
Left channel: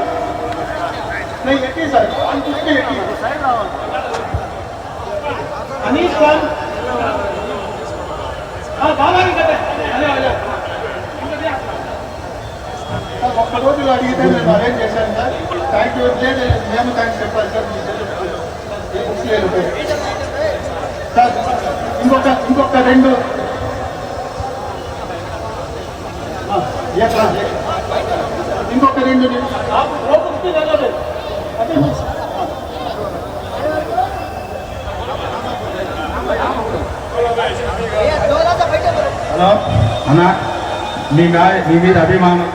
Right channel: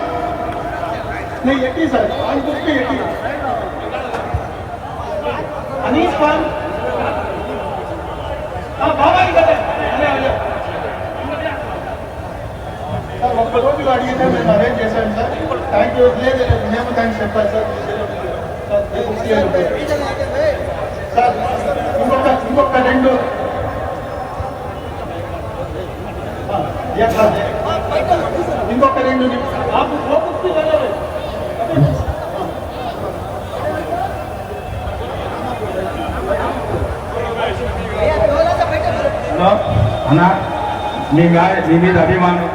नहीं ये सर अनीस खान రోజులు అడిగితే నేను అరేంజ్ చేశాను సార్. లేదు మేము కానీ చెప్పాలి సార్ ఇంకొక రెండు ఇంకొక 2 నిమిషాలు అన్న మీ మీద అభిమానం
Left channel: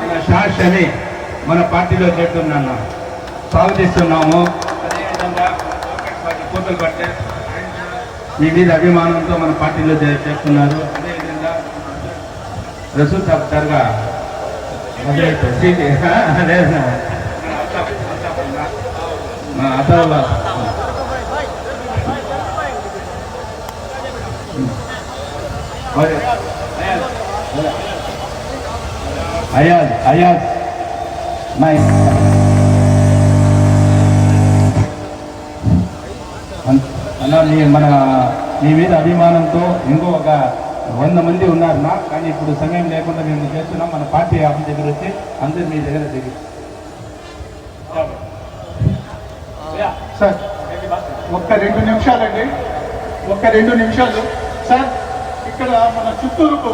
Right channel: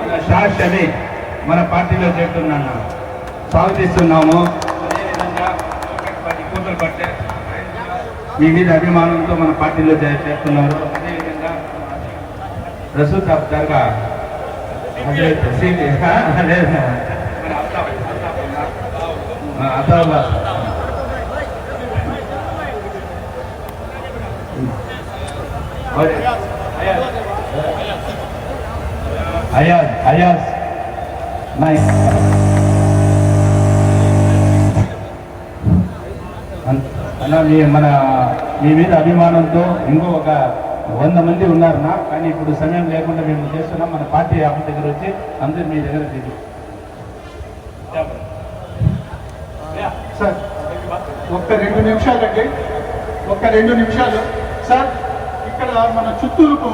మన షాద్ షమీ మన పార్టీలో చేరుతున్నాను స్వాగతిస్తున్నాము. అదేవిధంగా కూతురు కట్టే మీ మీద అభిమానంతో మన పార్టీలో చేస్తున్నారు. అదేవిధంగా రసూల్ సాబ్ జరగా అయాజ్ నైస్ మీ మీద అభిమానంతో ఇంకొక 100 మంది ఉన్నారు నా, కానీ ఇప్పుడు సమయం లేకుండా మేము చేస్తున్నాం. మన పార్టీ ఆఫీస్ దగ్గర వచ్చి అందరూ మీ దగ్గర దిగి సార్ ఒక్క 2 నిమిషాలండి, ఒక్క 2 నిమిషాలు సార్. ఇక్కడ మన చిత్తూరుకు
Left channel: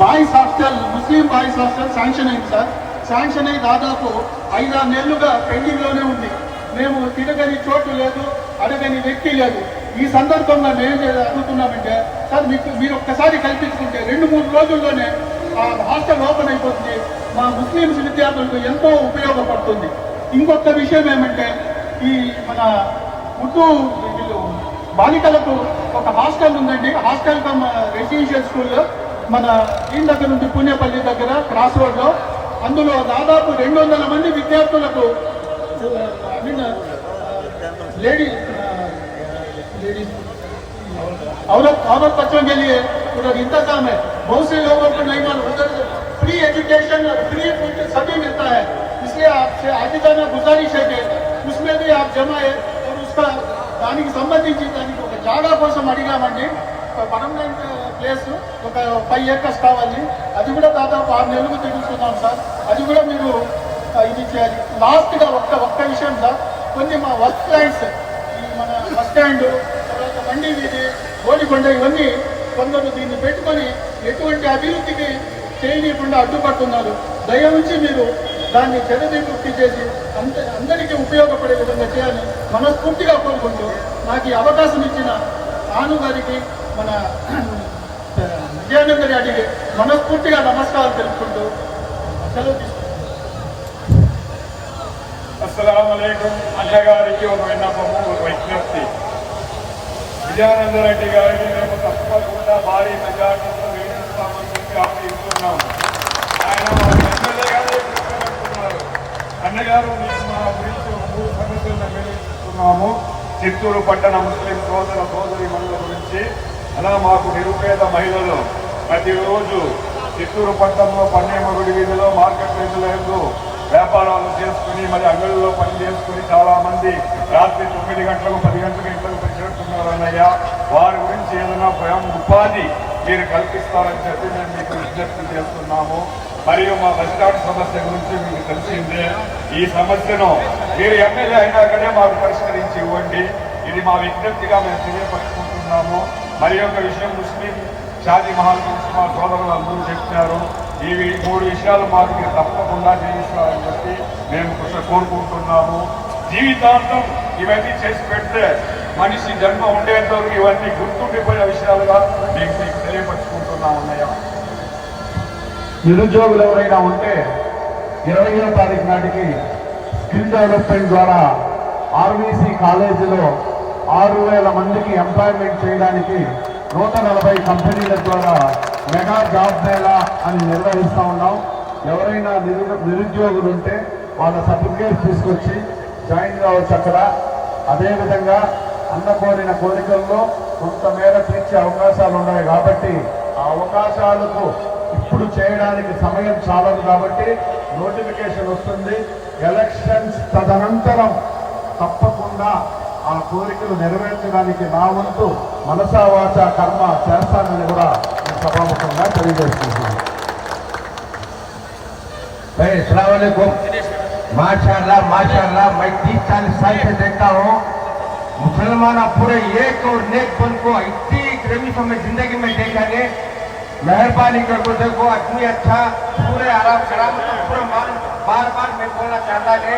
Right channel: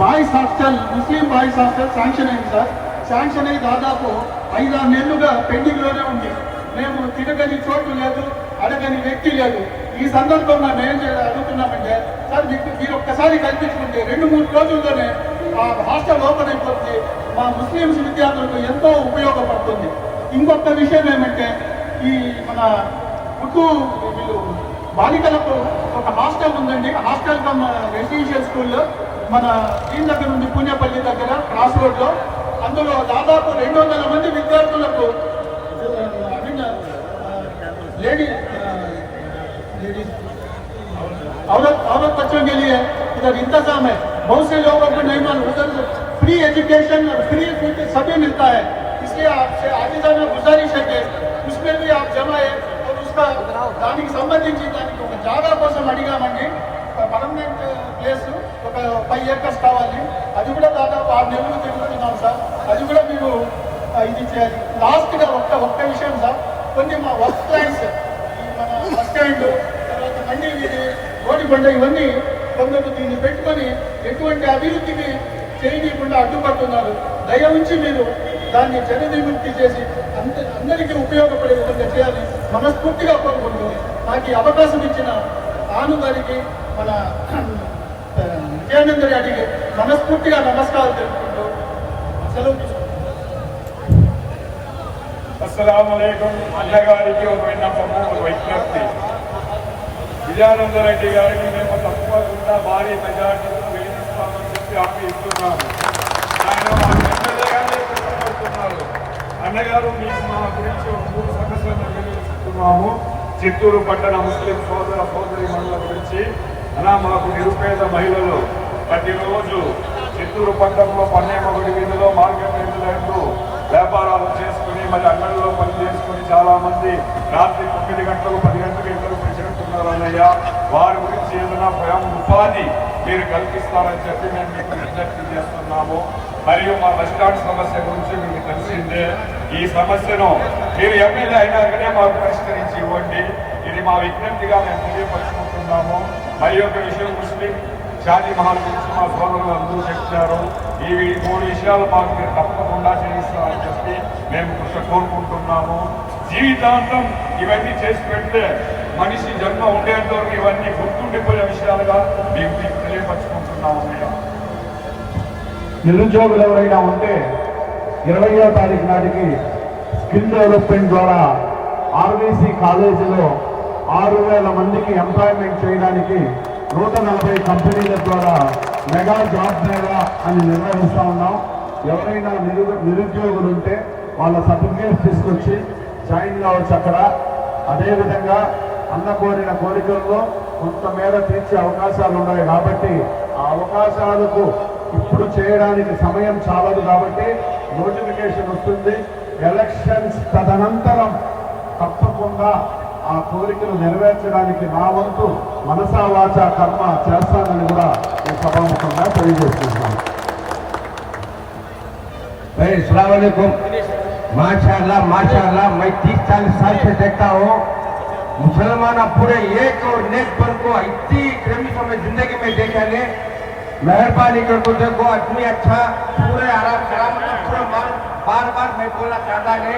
బాయ్స్ హాస్టల్, ముస్లిం బాయ్స్ హాస్టల్ శాంక్షన్ అయింది సార్. శాంక్షన్ అయ్యి దాదాపు 5-6 నెలలుగా పెండింగ్లోనే ఉంది. మేము తిరగని చోటు లేదు, అడగని వ్యక్తి లేదు. ఈ సందర్భంగా మేము అడుగుతున్నామంటే సార్ మీరు ఒక్కసారి కల్పించుకుంటే 2-3 రోజుల్లోనే ఆ హాస్టల్ ఓపెన్ అయిపోతుంది. మా ముస్లింస్ విద్యార్థులకు ఎంతో ఉపయోగపడుతుంది. ఇంకొక విషయం ఏమంటే ఈ మన ఉర్దూ వీళ్ళు బాలికలకు ఒక హాస్టల్ ఉందండి. హాస్టల్ రెసిడెన్షియల్ స్కూల్ మన దీని దగ్గర ఉంది, పూణేపల్లి దగ్గర క్రాస్ రోడ్లో. అందులో దాదాపు 200 మంది విద్యార్థులకు औरत बच्चों के लिए उधर इंतजाम है. बहुत से लोगों को नहीं मालूम, उधर फ्री एजुकेशन, फ्री फूड सभी मिलता है. इसलिए आपसे आखिरकार गुजारिश है कि उसमें भी आप जमाए और उसका దానికి సంబంధించి దానికి ఒక జాగా కోసం అడిగామండి. ఒక పర్మనెంట్ ప్లేస్ ఒక 5 acres కావాలి. అది కూడా దాదాపు 6 నెలలు తిరుగుతున్నాం సార్. అది కూడా మీరు ఇది చేయాలి. లాస్ట్గా ఒక్క విషయం సార్, కొన్ని మా బస్ స్టాండ్ మండి వీధి గోడికొండ ఇవన్నీ కొందరు దీన్ని పెట్టుకొని ఎటువంటి అభివృద్ధిని చేయకుండా అడ్డుపడుతున్నారు. దయ ఉంచి మీరు దాన్ని చరిత్రముక్తి చేసి అందరికీ ఉపయోగపడే విధంగా చేయాలి మనస్ఫూర్తిగా కోరుకుంటుంది. నాకు ఈ అవకాశం ఇచ్చిన ఆను గారికి, మన విజయానంద రెడ్డికి మనస్ఫూర్తిగా నమస్కారం తెలుపుకుంటూ సెలవు తీసుకుంటాను. అస్సలాము అలైకుం. అన్నగారికి ఒక విన్నపము, విజ్ఞప్తి. విజయానంద రెడ్డి గారికి మేము తప్పకుండా భారీ మెజార్టీతో గెలిపిస్తామని చెప్పి హామీ ఇస్తున్నాము. ఆయన ఎమ్మెల్యేగానే పెట్టుకున్నారు. అన్నగారు మీకు మా గురించి 3 సమస్యలను నిర్వహిస్తున్నాము. చిత్తూరు పట్టణ ముస్లిం సోదరీమణుల గురించి. అలా మాకు నిరుపేద మహిళలు ప్రతిరోజు చిత్తూరు పట్టణంలో 12 గుడి వీధిలో మార్కెట్ రైతులకు వ్యాపారాలు చేసుకుని మరి అంగళ్ళలో పని చేసుకుని చాలా మంది రాత్రి 9 గంటలు 10 గంటలకు ఇంట్లో చేరుతున్నారు అన్నయ్య. వారి గురించి ఏదైనా స్వయం ఉపాధి మీరు కల్పిస్తామని చెప్పి మేము మీకు విజ్ఞప్తి చేస్తున్నాము. మరియు మా బస్టాండ్ సమస్య గురించి మీకు తెలిసిందే. ఈ సమస్యను మీరు ఎప్పుడైనా అయినాకనే మాకు పరిష్కరించి ఇవ్వండి. ఇది మా విజ్ఞప్తిగా మేము తెలియపరుచుకుంటున్నాము. మరి ఒక విషయం, ముస్లిం షాదీ మహల్ గురించి మా సోదరులు అందరూ చెప్పారు. ఈ 3 విషయాలు మాకు మీరు తప్పకుండా చేస్తారని చెప్పి మేము కోరుకుంటున్నాము. జీవితాంతం ఇవన్నీ చేసి పెడితే మనిషి జన్మ ఉండేంతవరకు ఇవన్నీ గుర్తుండిపోయే విషయాలుగా మేము మీకు తెలియపరుచుకుంటున్నాము. నిరుద్యోగులు ఎవరైనా ఉంటే 20వ తారీఖు నాటికి స్కిల్ డెవలప్మెంట్ ద్వారా ఆర్వీసీ కాలేజీలో 6,000 మందికి ఎంప్లాయ్మెంట్ చేయడానికి 140 కంపెనీల ద్వారా మెగా జాబ్ మేళా అని నిర్వహిస్తూ ఉన్నాం. ఎవరైనా నిరుద్యోగులు ఉంటే వాళ్ళ సర్టిఫికేట్ తీసుకొచ్చి జాయిన్ కావచ్చు అక్కడ. అదేవిధంగా అన్న కోరిన కోరికల్లో కొంతమేర తీర్చే అవకాశాలు ఉన్నాయి కాబట్టి ఆ అవకాశాలకు ఇప్పుడు చేయడానికి సమయం చాలదు కాబట్టి నోటిఫికేషన్ వస్తుంది. ఎలక్షన్స్ తదనంతరం తప్పకుండా ఆ కోరికను నెరవేర్చడానికి నా వంతు మనసా వాచా కర్మ చేస్తానని కూడా ఈ సభాముఖంగా తెలియజేస్తున్నాను. అస్సలాము అలైకుం. माशाल्लाह माशाल्लाह, मैं 30 साल से देखता हूँ मुसलमान पूरे एक और नेक बन को इतनी प्रेमियों में जिंदगी में देखा ने। मेहरबानी करके देखो आदमी अच्छा पूरे आराम से बार बार मैं बोलना चाहता है,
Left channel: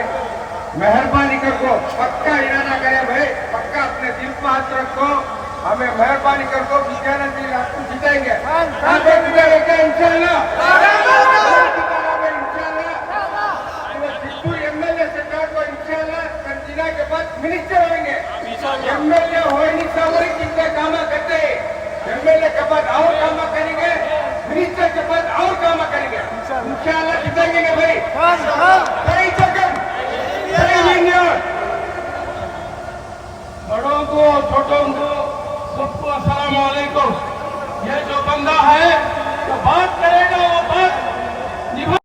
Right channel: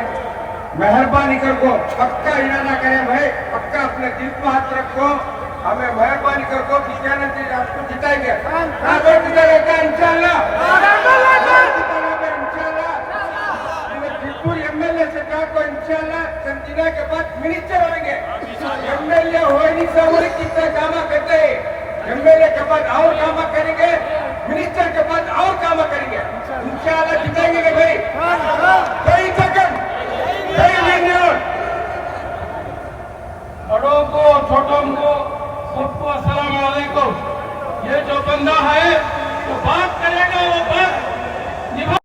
मेहरबानी करको पक्का इरादा करें भाई, पक्का अपने दिल को हाथ रखो, हमें मेहरबानी करको विजयानंद जी आपको जिताएंगे, जिताएंगे इंशाल्लाह। एमएलए सरकार को इंशाल्लाह जिला के बाद मिनिस्टर होंगे। एमएलए होने से और कितने काम करते हैं, एमएलए के बाद और काम करेंगे, मिनिस्टर के बाद और काम करेंगे, इंशाल्लाह जिताएंगे भाई। कई सेकंड बड़ों को और छोटों को सबको अस्सलाम वालेकुम। ये जो बंदा है